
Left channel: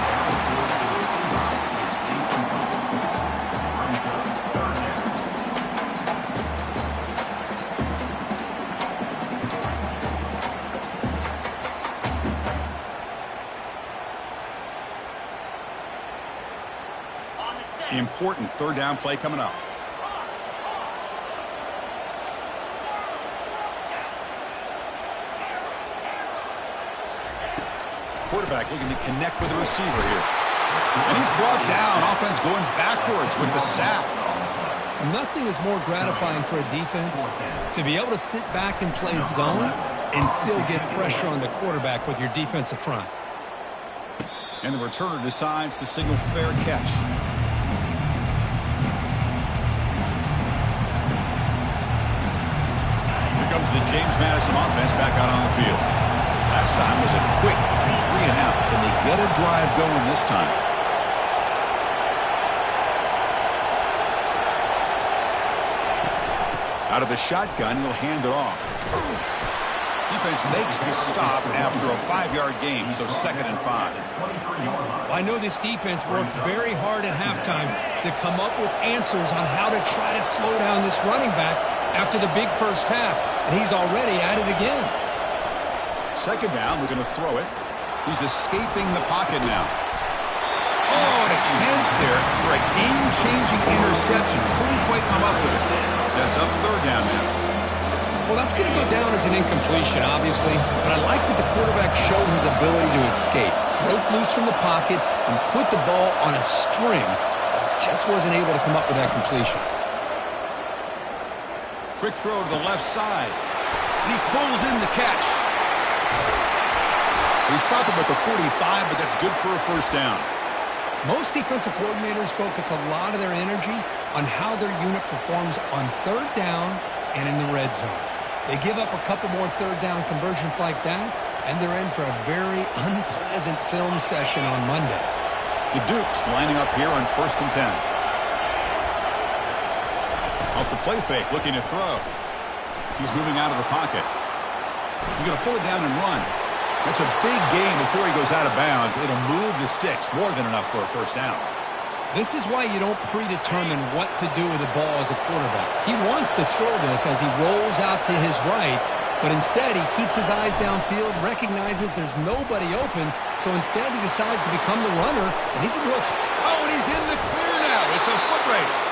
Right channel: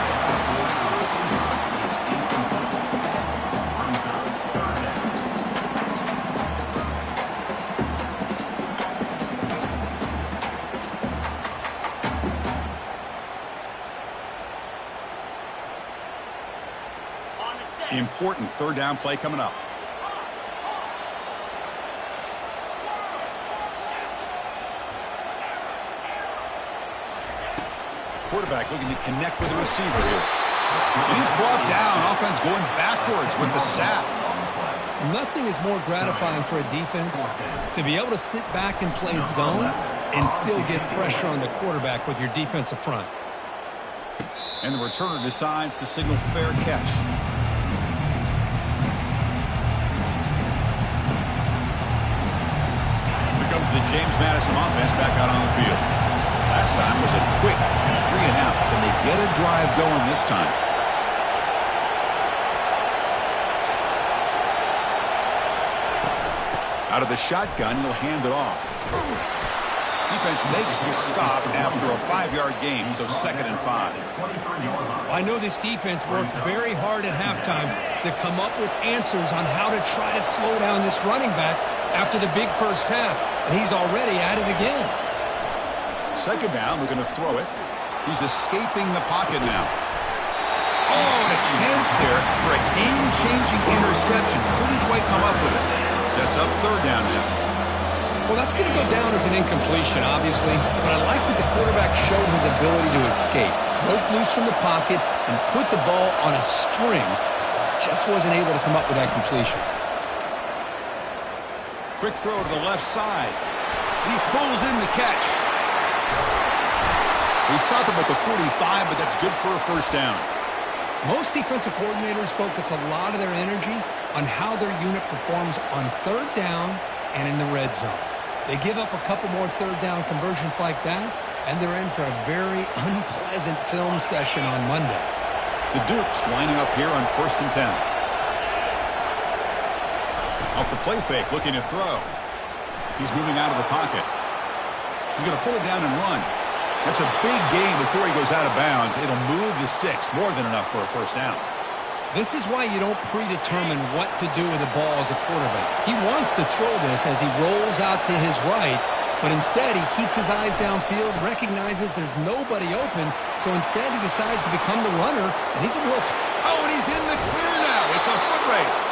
Important 3rd down play coming up. Quarterback looking to connect with the receiver here. And he's brought down. Offense going backwards with the sack. Nothing is more gratifying for a defense to be able to sit back and play zone and still get pressure on the quarterback with your defensive front. And the returner decides to signal fair catch. Here comes the James Madison offense back out on the field. Last time was a quick 3 and out. Can they get a drive going this time? Out of the shotgun, he'll hand it off. Defense makes the stop after a 5-yard gain, so 2nd and 5. I know this defense worked very hard at halftime to come up with answers on how to try to slow down this running back after the big first half, and he's already at it again. 2nd down, we're going to throw it. He's escaping the pocket now. Oh, and a chance there for a game-changing interception. Couldn't quite come up with it. Sets up 3rd down now. Well, that's going to go down as an incompletion, obviously, but I like that the quarterback showed his ability to escape, broke loose from the pocket, and put the ball on a string, but just wasn't able to come up with that completion. Quick throw to the left side, and he pulls in the catch. They stop him at the 45, but that's good for a first down. Most defensive coordinators focus a lot of their energy on how their unit performs on 3rd down and in the red zone. They give up a couple more 3rd down conversions like that, and they're in for a very unpleasant film session on Monday. The Dukes lining up here on 1st and 10. Off the play fake, looking to throw. He's moving out of the pocket. He's going to pull it down and run. That's a big gain before he goes out of bounds. It'll move the sticks, more than enough for a first down. This is why you don't predetermine what to do with the ball as a quarterback. He wants to throw this as he rolls out to his right, But instead, he keeps his eyes downfield, recognizes there's nobody open, so instead he decides to become the runner, and he's a real... Oh, and he's in the clear now. It's a foot race.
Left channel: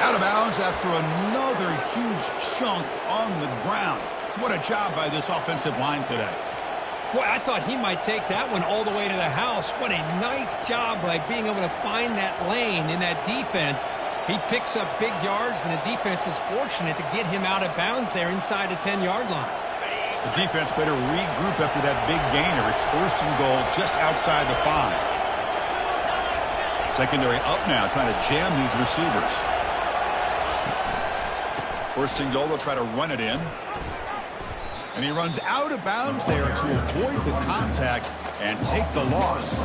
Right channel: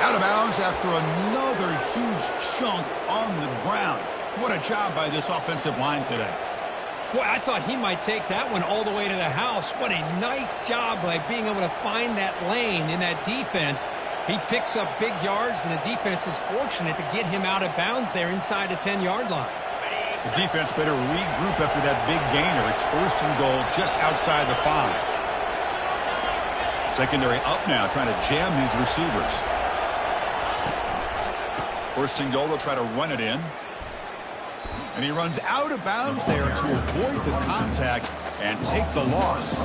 Out of bounds after another huge chunk on the ground. What a job by this offensive line today. Boy, I thought he might take that one all the way to the house. What a nice job by being able to find that lane in that defense. He picks up big yards, and the defense is fortunate to get him out of bounds there inside the 10-yard line. The defense better regroup after that big gainer. It's first and goal just outside the 5. Secondary up now, trying to jam these receivers. First and goal, they'll try to run it in. And he runs out of bounds there to avoid the contact and take the loss.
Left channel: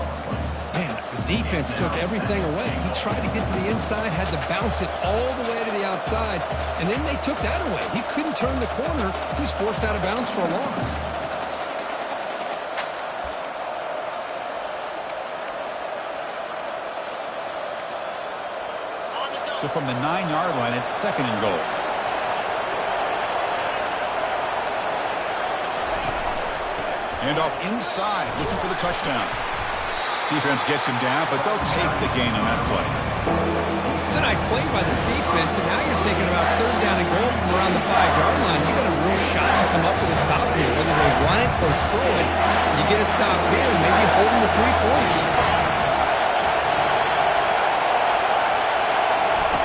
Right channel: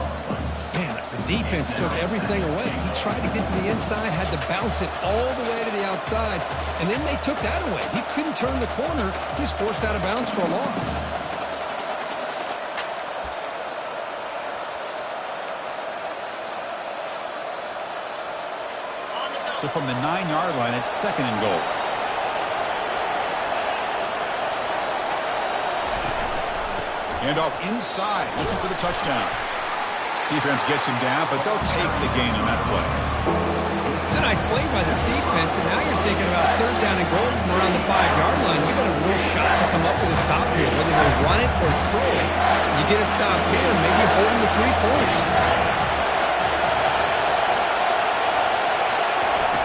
Man, the defense took everything away. He tried to get to the inside, had to bounce it all the way to the outside, and then they took that away. He couldn't turn the corner. He was forced out of bounds for a loss. So from the 9-yard line, it's second and goal. And off inside, looking for the touchdown. Defense gets him down, but they'll take the gain on that play. It's a nice play by this defense, and now you're thinking about third down and goal from around the 5-yard line. You got a real shot to come up with a stop here, whether they run it or throw it. You get a stop here, maybe holding the 3 points.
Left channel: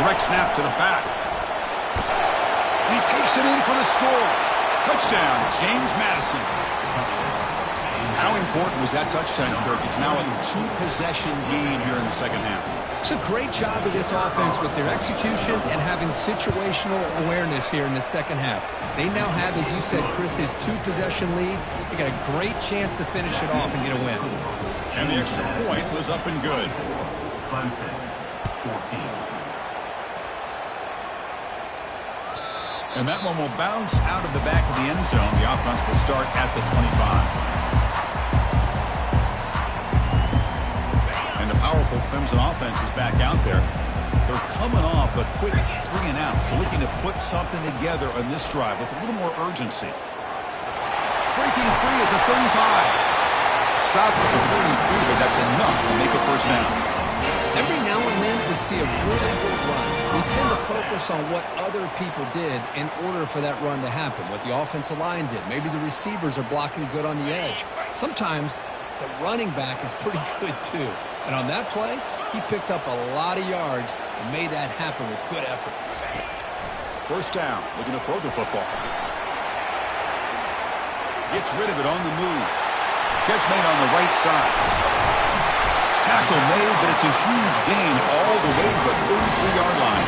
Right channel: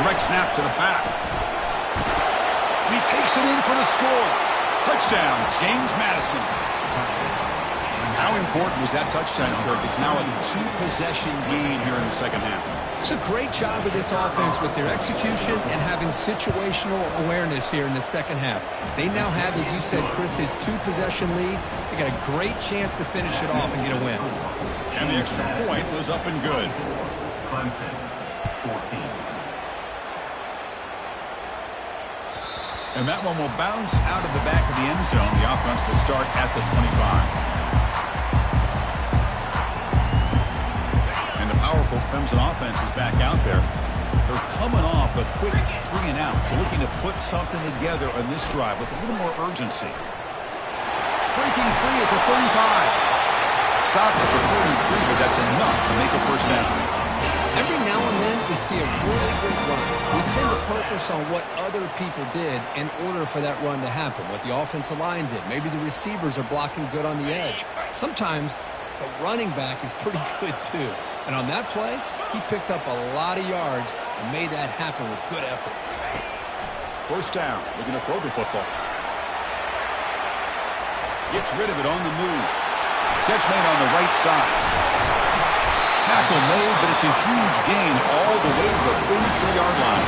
Direct snap to the back. And he takes it in for the score. Touchdown, James Madison. How important was that touchdown, Kirk? It's now a 2-possession game here in the second half. It's a great job of this offense with their execution and having situational awareness here in the second half. They now have, as you said, Chris, this 2-possession lead. They got a great chance to finish it off and get a win. And the extra point was up and good. Clemson, 14. And that one will bounce out of the back of the end zone. The offense will start at the 25. And the powerful Clemson offense is back out there. They're coming off a quick 3 and out. So looking to put something together on this drive with a little more urgency. Breaking free at the 35. Stop at the 43, but that's enough to make a first down. Every now and then we see a really good run. We tend to focus on what other people did in order for that run to happen, what the offensive line did. Maybe the receivers are blocking good on the edge. Sometimes the running back is pretty good too. And on that play, he picked up a lot of yards and made that happen with good effort. First down, looking to throw the football. Gets rid of it on the move. Catch made on the right side. Tackle made, but it's a huge gain all the way to the 33-yard line.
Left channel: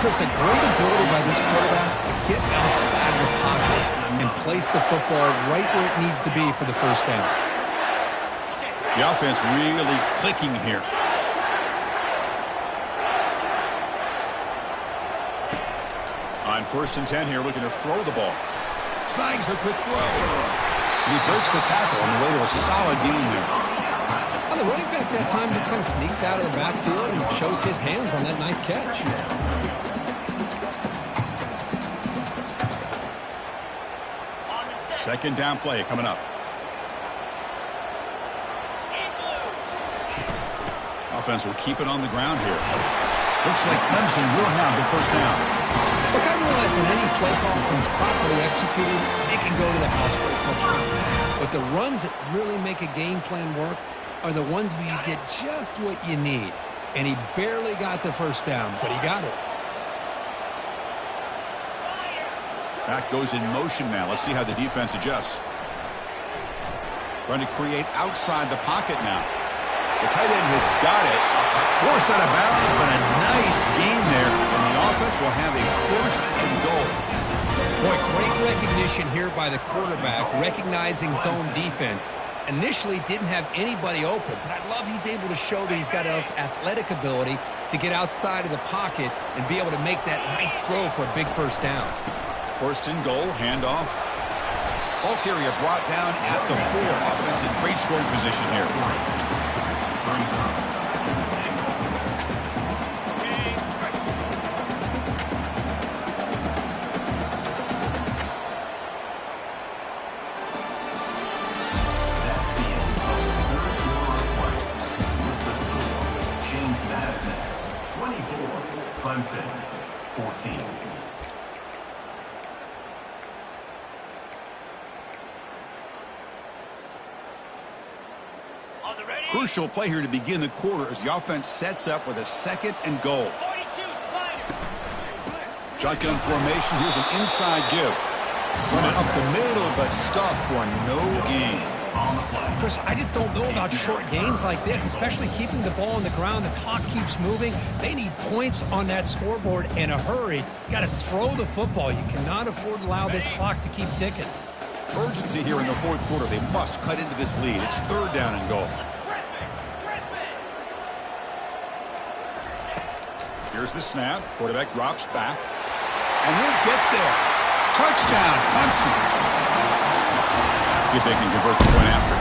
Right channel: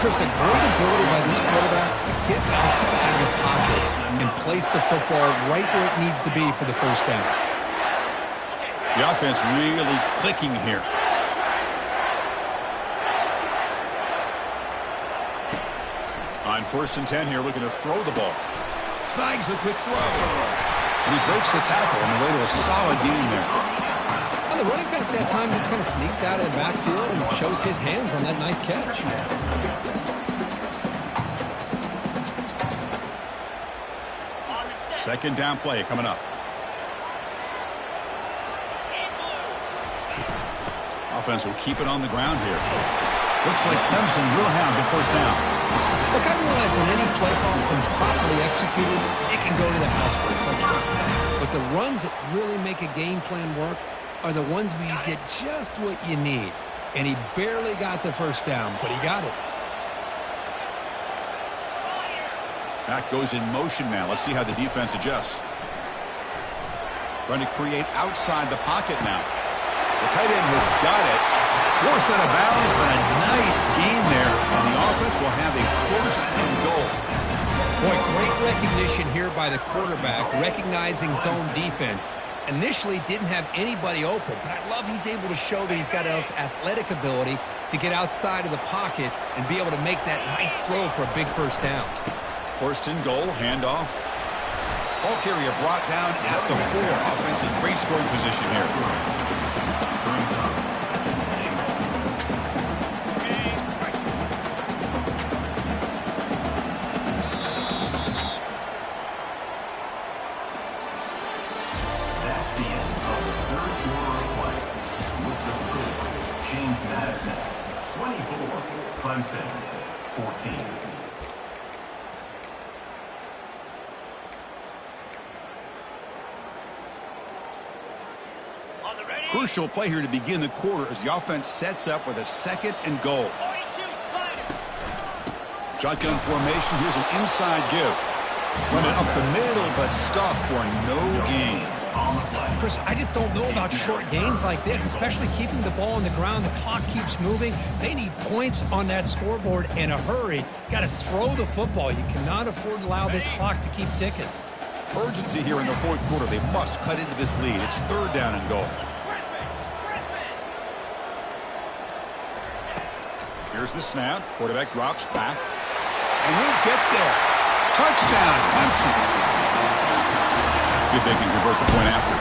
Chris, a great ability by this quarterback to get outside the pocket and place the football right where it needs to be for the first down. The offense really clicking here. On first and 10 here, looking to throw the ball. Snags a quick throw. And he breaks the tackle on the way to a solid gain there. Well, the running back that time just kind of sneaks out of the backfield and shows his hands on that nice catch. Second down play coming up. Offense will keep it on the ground here. Looks like Clemson will have the first down. Look, I realize when any play call is properly executed, it can go to the house for a touchdown. But the runs that really make a game plan work are the ones where you get just what you need. And he barely got the first down, but he got it. Back goes in motion now. Let's see how the defense adjusts. Trying to create outside the pocket now. The tight end has got it. Forced out of bounds, but a nice gain there. And the offense will have a first and goal. Boy, great recognition here by the quarterback, recognizing zone defense. Initially didn't have anybody open, but I love he's able to show that he's got enough athletic ability to get outside of the pocket and be able to make that nice throw for a big first down. First and goal, handoff. Ball carrier brought down at the 4. Offense in great scoring position here. Brings up second and goal. 24, Clemson, 14. Crucial play here to begin the quarter as the offense sets up with a 2nd and goal. Shotgun formation. Here's an inside give. Running up the middle, but stuffed for no gain. Chris, I just don't know about short gains like this, especially keeping the ball on the ground. The clock keeps moving. They need points on that scoreboard in a hurry. Got to throw the football. You cannot afford to allow this clock to keep ticking. Urgency here in the 4th quarter. They must cut into this lead. It's 3rd down and goal. Here's the snap. Quarterback drops back. And he'll get there. Touchdown, Clemson. See if they can convert the point after.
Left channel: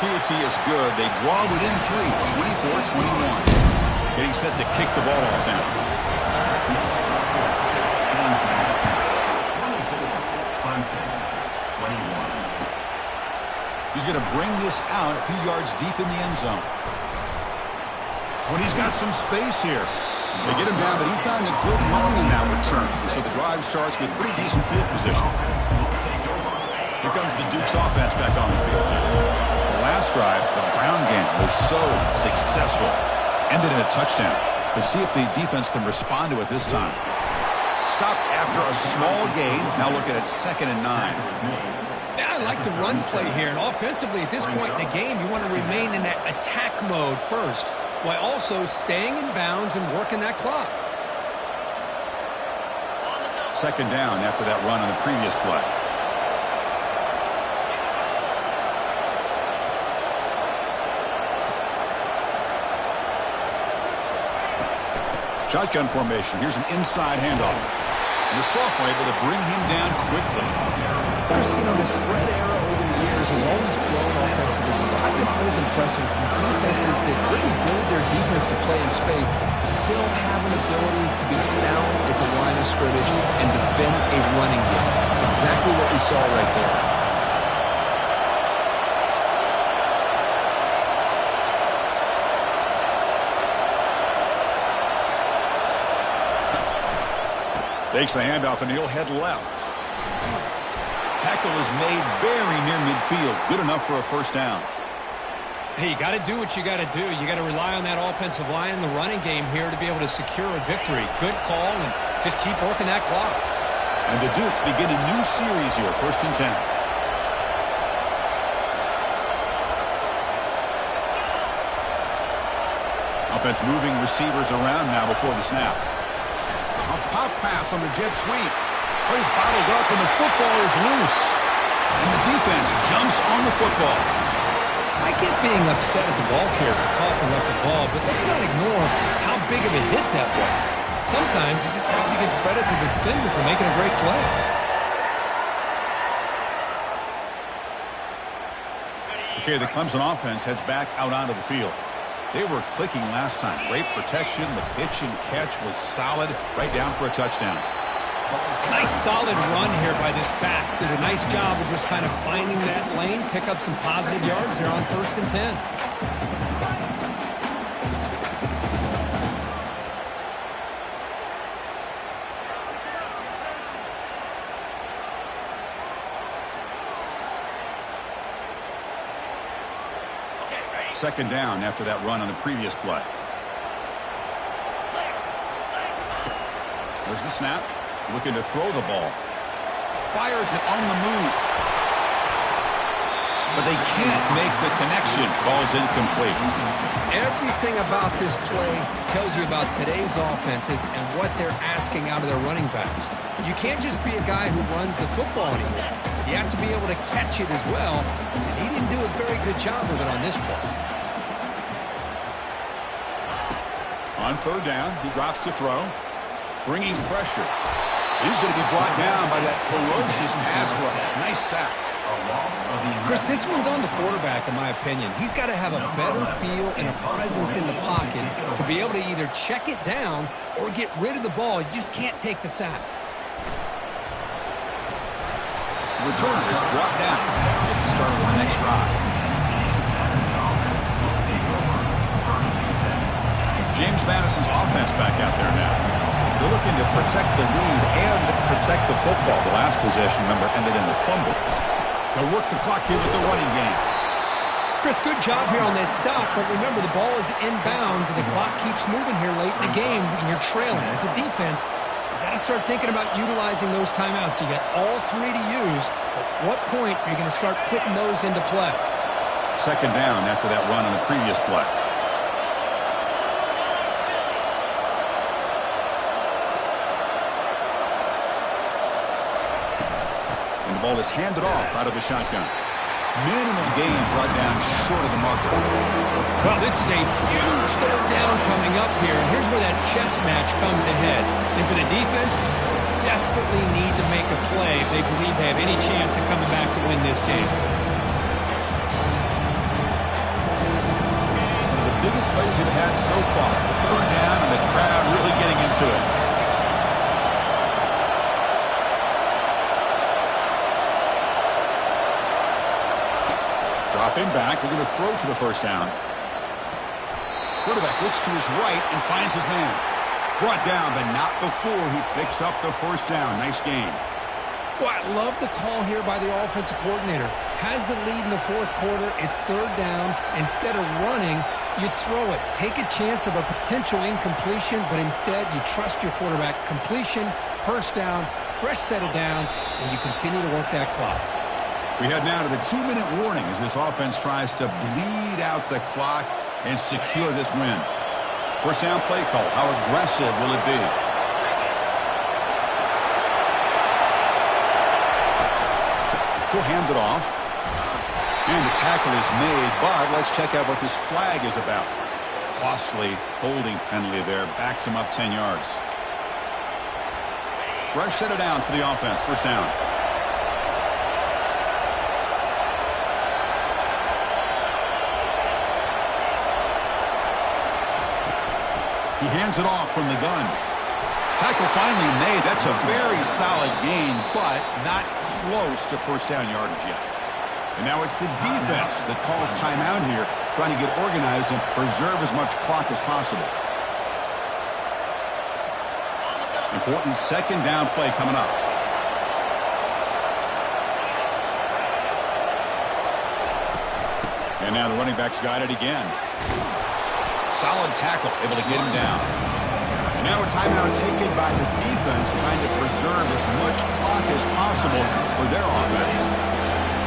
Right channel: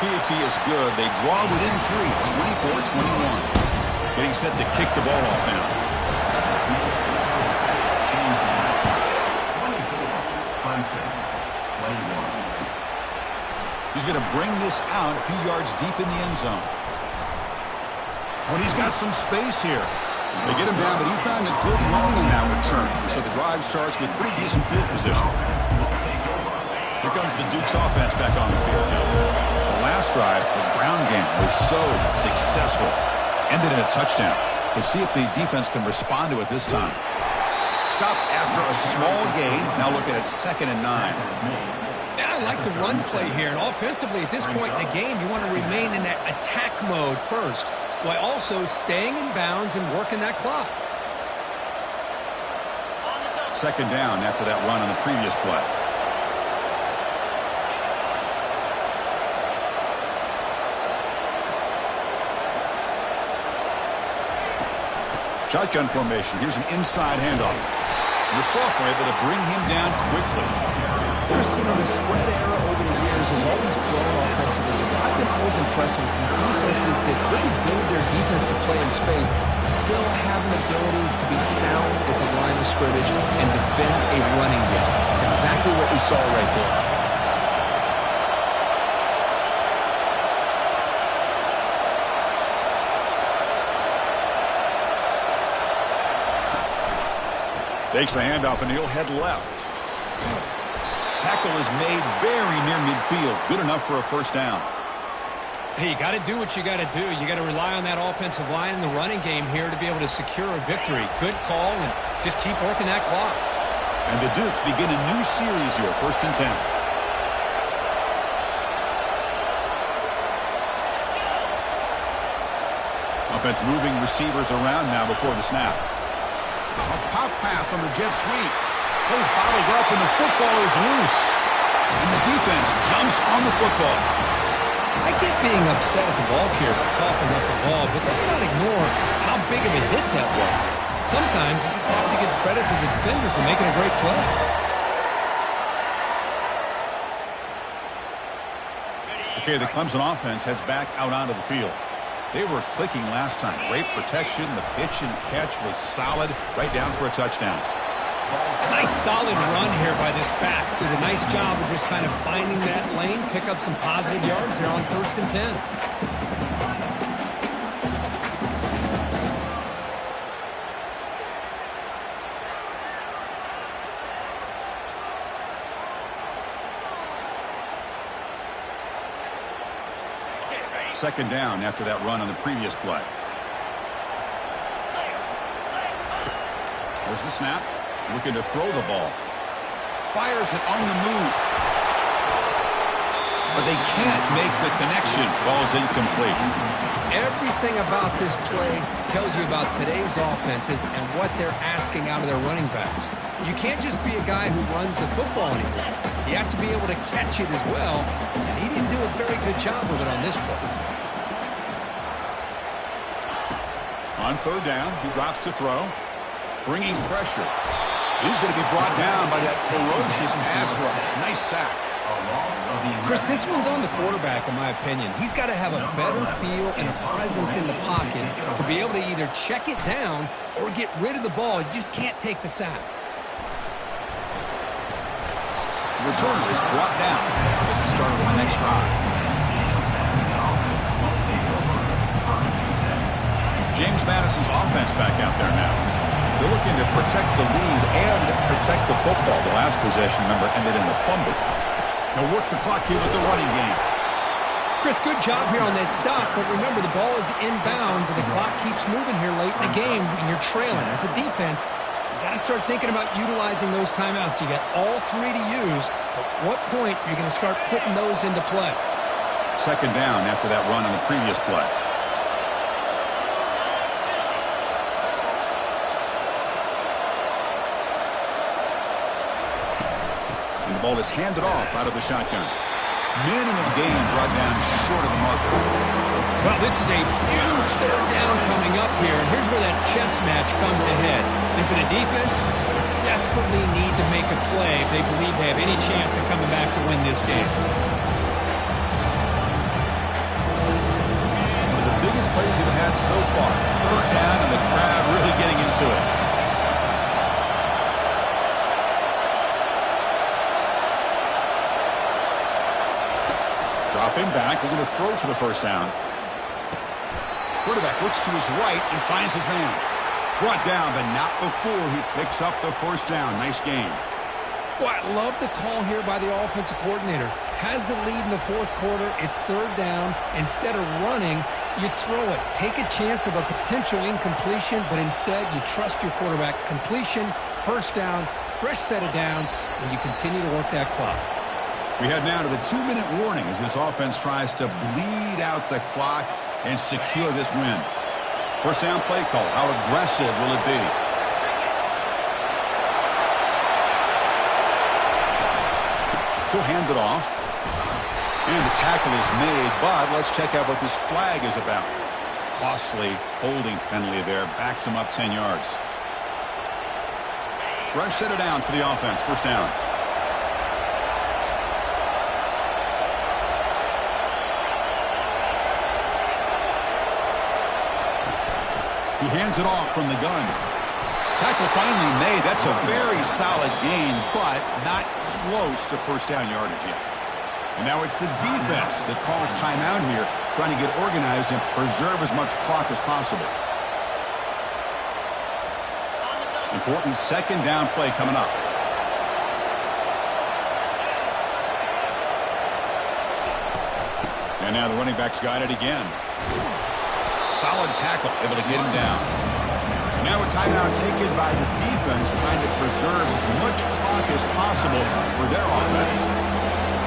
PAT is good. They draw within 3, 24-21. Getting set to kick the ball off now. 24, Clemson, 21. He's going to bring this out a few yards deep in the end zone. When he's got some space here. They get him down, but he found a good lane on that return. So the drive starts with pretty decent field position. Here comes the Duke's offense back on the field. The last drive, the ground game was so successful. Ended in a touchdown. Let's see if the defense can respond to it this time. Stop after a small gain. Now looking at 2nd and 9. Yeah, I like the run play here. And offensively, at this point in the game, you want to remain in that attack mode first, while also staying in bounds and working that clock. 2nd down after that run on the previous play. Shotgun formation. Here's an inside handoff. And the sophomore able to bring him down quickly. Chris, you know, the spread era over the years has always grown offensively. I've been always impressed with defenses that really build their defense to play in space, still have an ability to be sound at the line of scrimmage and defend a running game. It's exactly what we saw right there. Takes the handoff and he'll head left. Tackle is made very near midfield. Good enough for a 1st down. Hey, you got to do what you got to do. You got to rely on that offensive line in the running game here to be able to secure a victory. Good call, and just keep working that clock. And the Dukes begin a new series here. 1st and 10. Offense moving receivers around now before the snap. A pop pass on the jet sweep. Plays bottled up and the football is loose. And the defense jumps on the football. I get being upset at the ball carrier for coughing up the ball, but let's not ignore how big of a hit that was. Sometimes you just have to give credit to the defender for making a great play. Okay, the Clemson offense heads back out onto the field. They were clicking last time. Great protection. The pitch and catch was solid. Right down for a touchdown. Nice solid run here by this back. Did a nice job of just kind of finding that lane, pick up some positive yards there on 1st and 10. Second down after that run on the previous play. There's the snap. Looking to throw the ball. Fires it on the move. But they can't make the connection. Ball's incomplete. Everything about this play tells you about today's offenses and what they're asking out of their running backs. You can't just be a guy who runs the football anymore. You have to be able to catch it as well, and he didn't do a very good job of it on this play. On 3rd down, he drops to throw. Bringing pressure. He's going to be brought down by that ferocious pass rush. Nice sack. Chris, this one's on the quarterback, in my opinion. He's got to have a better feel and a presence in the pocket to be able to either check it down or get rid of the ball. You just can't take the sack. The returner is brought down. Gets us started on the next drive. James Madison's offense back out there now. They're looking to protect the lead and protect the football. The last possession, remember, ended in a fumble. They'll work the clock here with the running game. Chris, good job here on that stop, but remember the ball is inbounds and the clock keeps moving here late in the game when you're trailing. As a defense, you got to start thinking about utilizing those timeouts. You got all three to use, but what point are you going to start putting those into play? Second down after that run on the previous play. And the ball is handed off out of the shotgun. Minimal gain brought down short of the marker. Well, this is a huge third down coming up here, and here's where that chess match comes to head. And for the defense, they desperately need to make a play if they believe they have any chance of coming back to win this game. One of the biggest plays we've had so far. Third down, and the crowd really getting into it. Dropping back, looking to throw for the first down. Quarterback looks to his right and finds his man. Brought down, but not before he picks up the first down. Nice game. Well, I love the call here by the offensive coordinator. Has the lead in the fourth quarter. It's third down. Instead of running, you throw it. Take a chance of a potential incompletion, but instead you trust your quarterback. Completion, first down, fresh set of downs, and you continue to work that clock. We head now to the 2-minute warning as this offense tries to bleed out the clock and secure this win. First down play call. How aggressive will it be? He'll hand it off. And the tackle is made, but let's check out what this flag is about. Costly holding penalty there. Backs him up 10 yards. Fresh set of downs for the offense. First down. He hands it off from the gun. Tackle finally made. That's a very solid gain, but not close to first down yardage yet. And now it's the defense that calls timeout here, trying to get organized and preserve as much clock as possible. Important second down play coming up. And now the running back's got it again. Solid tackle, able to get him down. And now a timeout taken by the defense, trying to preserve as much clock as possible for their offense.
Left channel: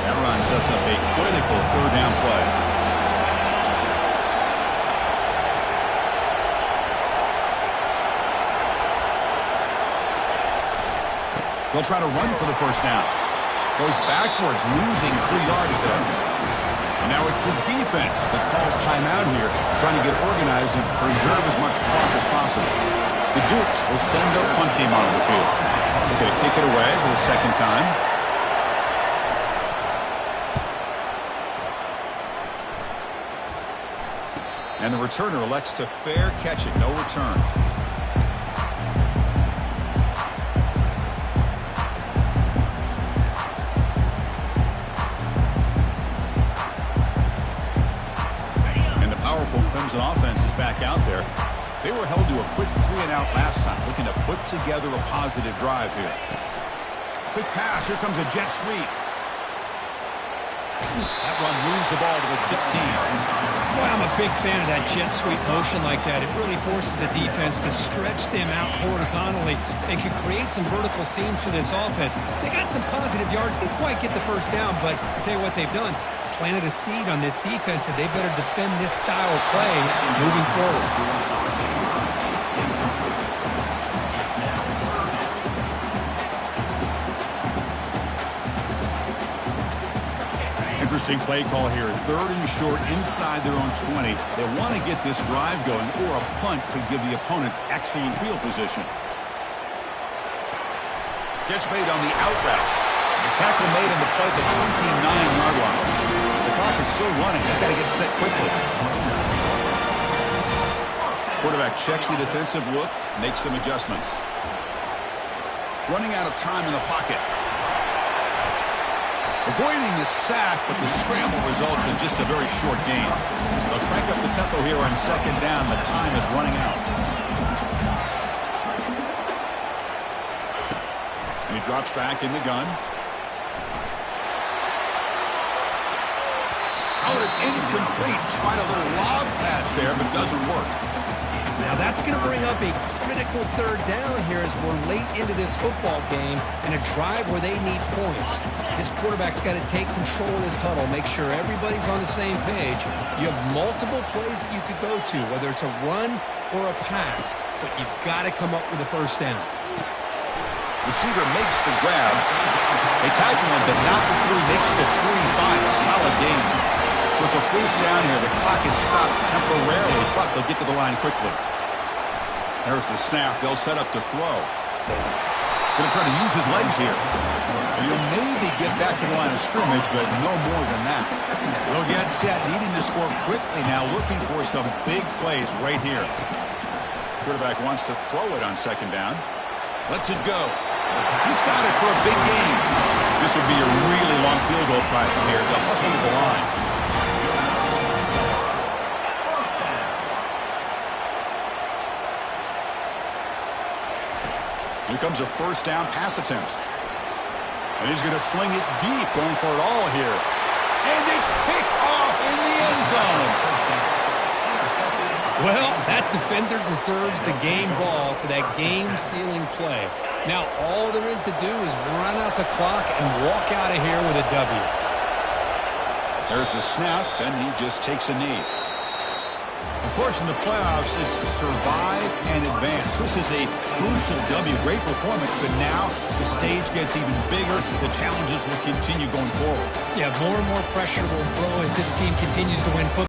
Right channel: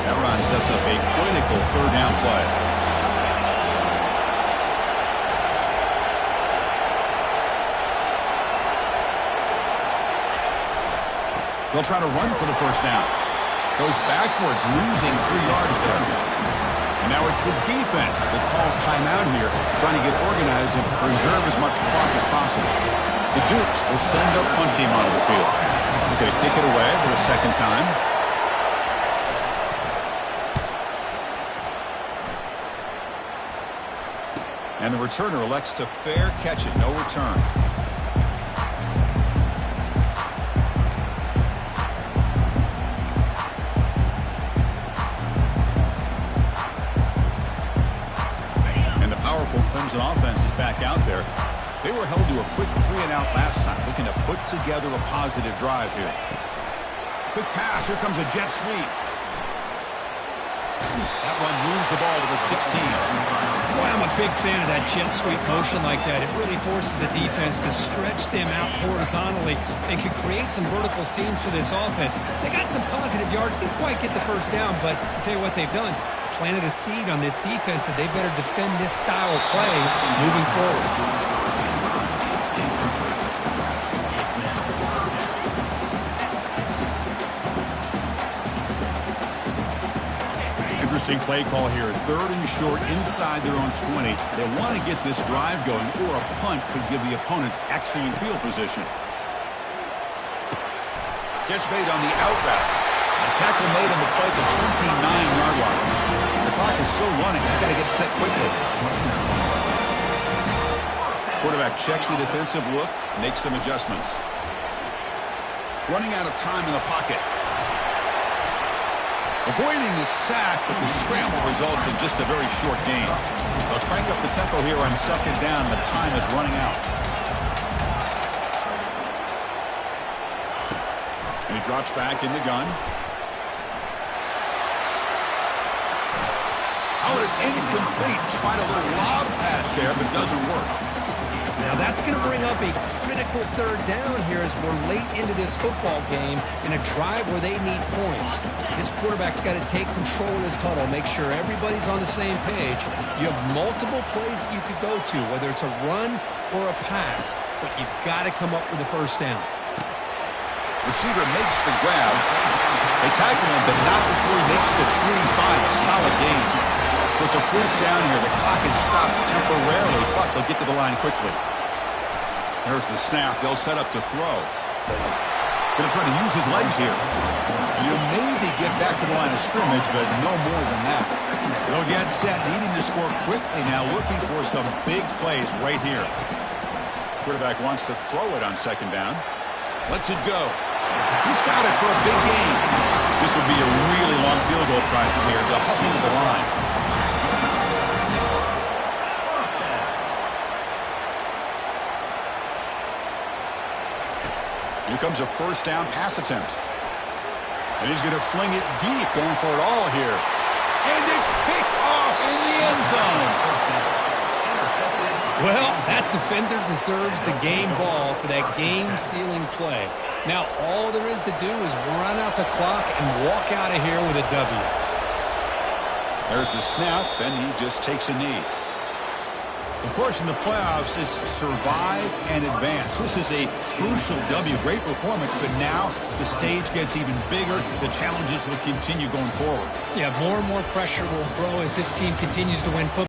That run sets up a critical third down play. They'll try to run for the first down. Goes backwards, losing 3 yards there. And now it's the defense that calls timeout here, trying to get organized and preserve as much clock as possible. The Dukes will send their punt team onto the field. They're going to kick it away for the second time. And the returner elects to fair catch it. No return. Clemson offense is back out there. They were held to a quick 3-and-out last time, looking to put together a positive drive here. Quick pass. Here comes a jet sweep. That run moves the ball to the 16. Boy, I'm a big fan of that jet sweep motion like that. It really forces a defense to stretch them out horizontally and can create some vertical seams for this offense. They got some positive yards. Didn't quite get the first down, but I'll tell you what they've done. Planted a seed on this defense, and they better defend this style of play moving forward. Interesting play call here. Third and short inside their own 20. They want to get this drive going, or a punt could give the opponents excellent field position. Catch made on the out route. Tackle made on the play at the 29-yard line. The clock is still running. They've got to get set quickly. Quarterback checks the defensive look, makes some adjustments. Running out of time in the pocket. Avoiding the sack, but the scramble results in just a very short gain. They'll crank up the tempo here on second down. The time is running out. And he drops back in the gun. Oh, it's incomplete. Tried a little lob pass there, but doesn't work. Now that's going to bring up a critical third down here as we're late into this football game in a drive where they need points. This quarterback's got to take control of this huddle, make sure everybody's on the same page. You have multiple plays that you could go to, whether it's a run or a pass, but you've got to come up with a first down. Receiver makes the grab. They tackle him, but not before he makes the 45. A solid gain. So it's a first down here. The clock is stopped temporarily, but they'll get to the line quickly. There's the snap. They'll set up to throw. Going to try to use his legs here. And he'll maybe get back to the line of scrimmage, but no more than that. They'll get set, needing to score quickly now, looking for some big plays right here. Quarterback wants to throw it on second down. Lets it go. He's got it for a big gain. This will be a really long field goal try from here. They'll hustle to the line. Here comes a first down pass attempt. And he's going to fling it deep, going for it all here. And it's picked off in the end zone. Well, that defender deserves the game ball for that game-sealing play. Now, all there is to do is run out the clock and walk out of here with a W. There's the snap, and he just takes a knee. Of course, in the playoffs, it's survive and advance. This is a crucial W. Great performance, but now the stage gets even bigger. The challenges will continue going forward. Yeah, more and more pressure will grow as this team continues to win football.